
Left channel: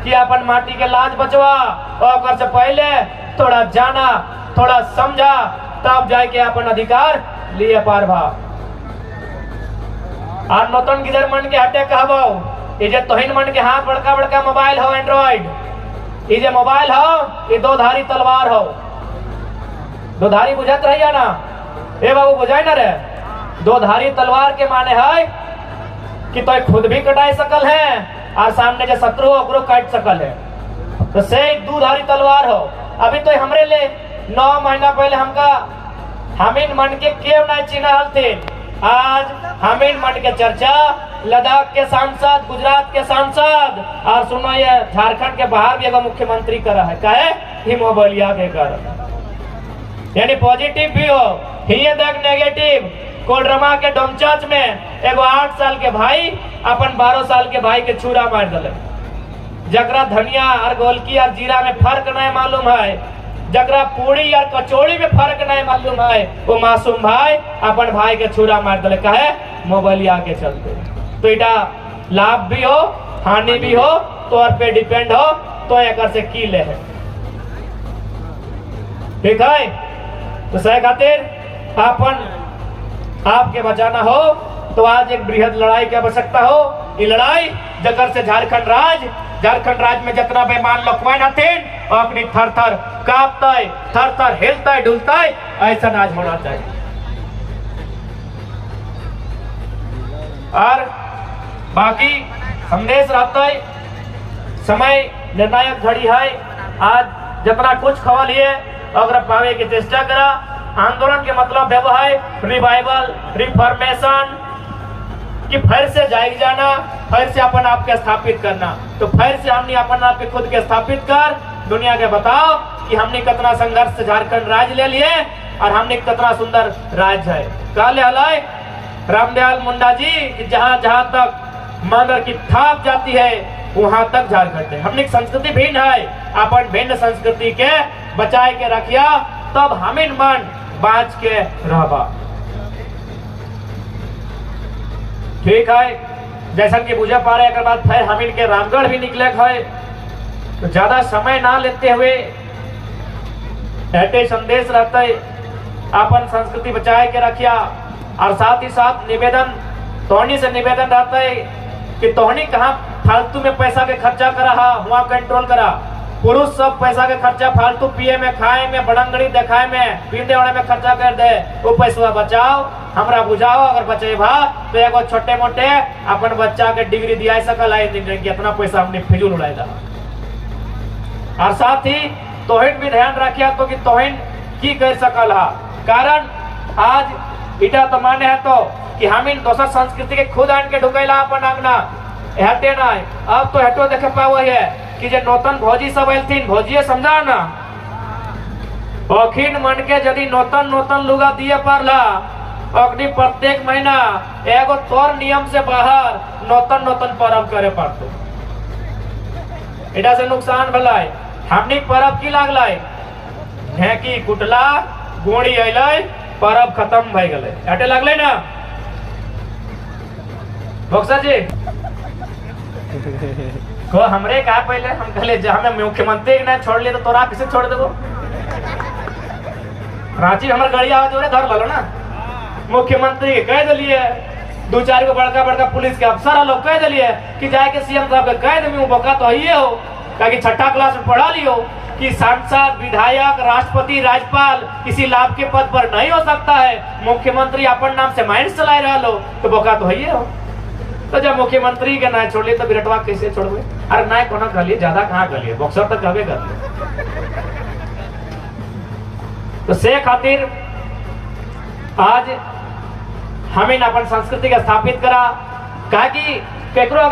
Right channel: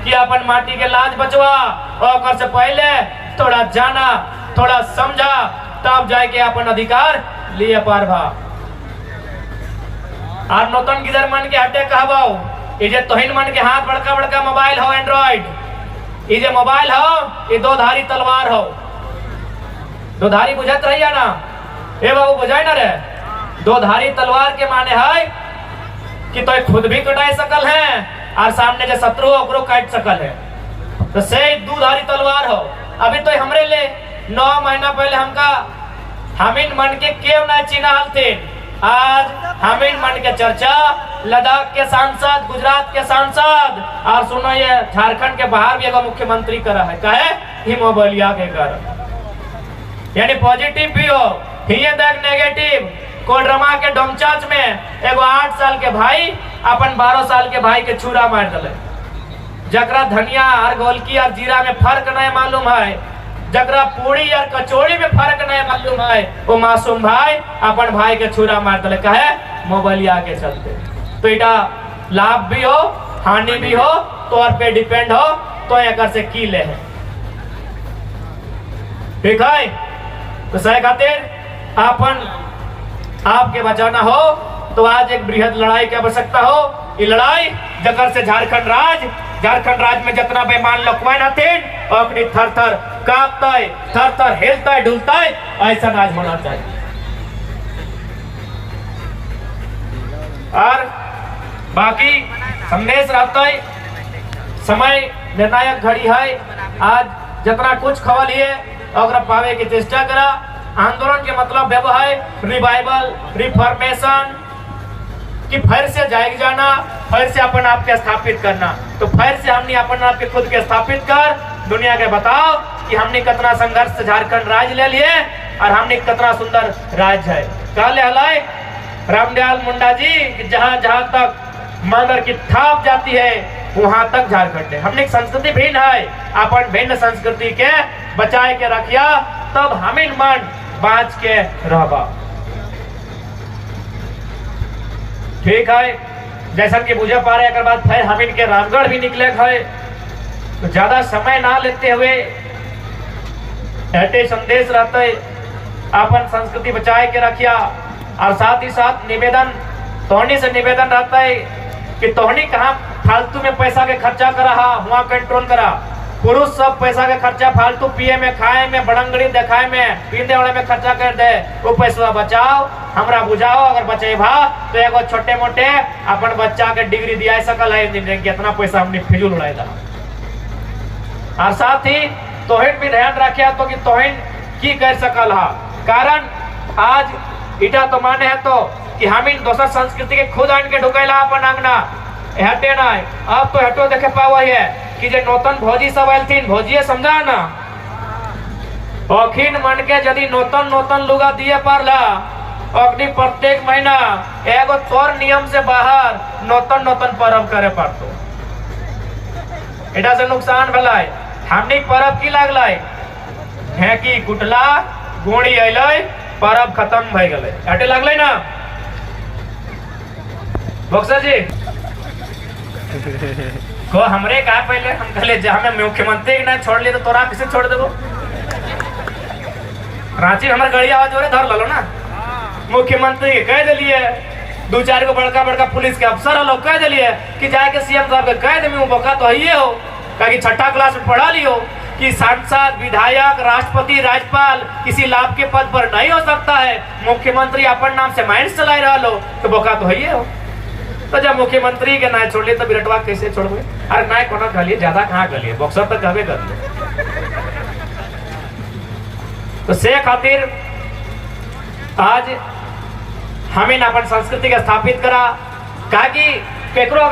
कि अपन माटी के लाज बचवा और से पहले थोड़ा जाना थोड़ा समझा तब जाके अपन अधिकार लिए पार भाव और नौतन गिदर मन के हटे कहबाओ ये जे तोहिन मन के हाथ बड़का बड़का मोबाइल हो एंड्रॉइड ये जे मोबाइल हो ये 2 धारी तलवार हो दोधारी बुझत रहिया ना, ए बाबू बुझाई ना रे। दोधारी तलवार के माने है कि तो खुद भी कटाई सकल है और सामने जो शत्रु हो ओकरो काट सकल है। तो से दूधारी तलवार हो। अभी तो हमरे ले 9 महीना पहले हमका हमिन मन के केव ना चिन्हल थे, आज हमिन मन के चर्चा लद्दाख के सांसद, गुजरात के सांसद और सुनो ये झारखंड के बाहर भी एगो मुख्यमंत्री करा है। काहे? हिमोबलिया के कारण। यानी पॉजिटिव भी हो ही तक नेगेटिव। कोडरमा के डोमचाच में एगो 8 साल के भाई अपन 12 साल के भाई के छुरा मार दिले। जकरा धनिया और गोलकी और जीरा में फर्क नहीं मालूम है, जकरा पूरी और कचौड़ी में फर्क नहीं मालूम है, वो मासूम भाई अपन भाई के छुरा मार दिले। काहे? मोबाइलिया के चलते। तो इटा लाभ भी हो हानि भी हो तौर पे डिपेंड हो तो एक से की ले है। ठीक है? तो सही खातिर अपन आपके बचाना हो तो आज एक बृहद लड़ाई की आवश्यकता हो। ये लड़ाई जकर से झारखंड राज में जितना बेमान लोकवान हथिन अपनी थर थर कांपता है, थर थर हिलता है, डुलता है, ऐसा आज होना चाहिए। और बाकी संदेश रहता है, समय निर्णायक घड़ी है। आज जितना कुछ खबर लिए अगर पावे की चेष्टा करा। आंदोलन के मतलब है रिवाइवल, रिफॉर्मेशन कि फिर से जाग जाना, फिर से अपन आप के स्थापित करना। तो फिर से हमने अपन आप के खुद के स्थापित कर दुनिया के बताओ कि हमने कितना संघर्ष से झारखंड राज्य ले लिए और हमने कितना सुंदर राज्य है। कहले हलाय रामदयाल मुंडा जी कि जहां जहां तक मगर की थाप जाती है वहां तक झारखंड है। हमने संस्कृति भिन्न है, अपन भिन्न संस्कृति के बचाए के रखिया तब हमिन मन बाँच के रहबा। ठीक है, जैसा कि बुझे पा रहे बाद फिर हमिन के रामगढ़ भी निकले है। तो ज्यादा समय ना लेते हुए ऐसे संदेश रहता है अपन संस्कृति बचाए के रखिया। और साथ ही साथ निवेदन तोहनी से निवेदन रहता है कि तोहनी कहाँ फालतू में पैसा के खर्चा करा हुआ कंट्रोल करा। पुरुष सब पैसा के खर्चा फालतू पिए में, खाए में, बड़ंगड़ी देखाए में, पीने वाले में खर्चा कर दे। वो पैसा बचाओ, हमरा बुझाओ। अगर बचेबा तो एगो छोटे मोटे अपन बच्चा के डिग्री दिया सकल है इंजीनियरिंग के, इतना पैसा हमने फिजूल उड़ाई दा। और साथ ही तोहिन भी ध्यान रखिया तो कि तोहिन की कर सकल हा। कारण आज इटा तो माने है तो कि हम इन दोसर संस्कृति के खुद आन के ढुकैला अपन आंगना हटे ना। अब तो हटो देखे पावा है कि जे नौतन भौजी सब आलथिन, भौजिए समझा ना अखिन मन के यदि नौतन लुगा दिए पारला अग्नि प्रत्येक महीना एगो तोर नियम से बाहर नौतन पर्व करे पड़तो। एटा से नुकसान भलाई हमनी पर्व की लागलाई ढेकी कुटला गोड़ी अइलै पर्व खत्म भई गेलै एटे लागलै ना बक्सर जी को हमरे कहा पहले हम कहले हमें मुख्यमंत्री ना छोड़ लिए तो तोरा किसे छोड़ देबो। रांची हमारे गाड़ी आवाज हो रहे धर लो ना मुख्यमंत्री के कह दिलिए, 2-4 को बड़का पुलिस के अफसर लोग कह दिलिए कि जाके सीएम साहब के कह दे बका तो ही हो कि 6ठा क्लास में पढ़ा लियो कि सांसद, विधायक, राष्ट्रपति, राज्यपाल किसी लाभ के पद पर नहीं हो सकता है। मुख्यमंत्री अपन नाम से माइंड चला रहा लो तो बका तो ही हो। तो जब मुख्यमंत्री के ना छोड़ लिए तो बिरटवा कैसे छोड़ोगे? अरे ना कोना कहलिए ज्यादा कहाँ कहलिए बक्सर तक कहबे कर। तो से खातिर आज हमें अपन संस्कृति के स्थापित करा, कहा कि केकरो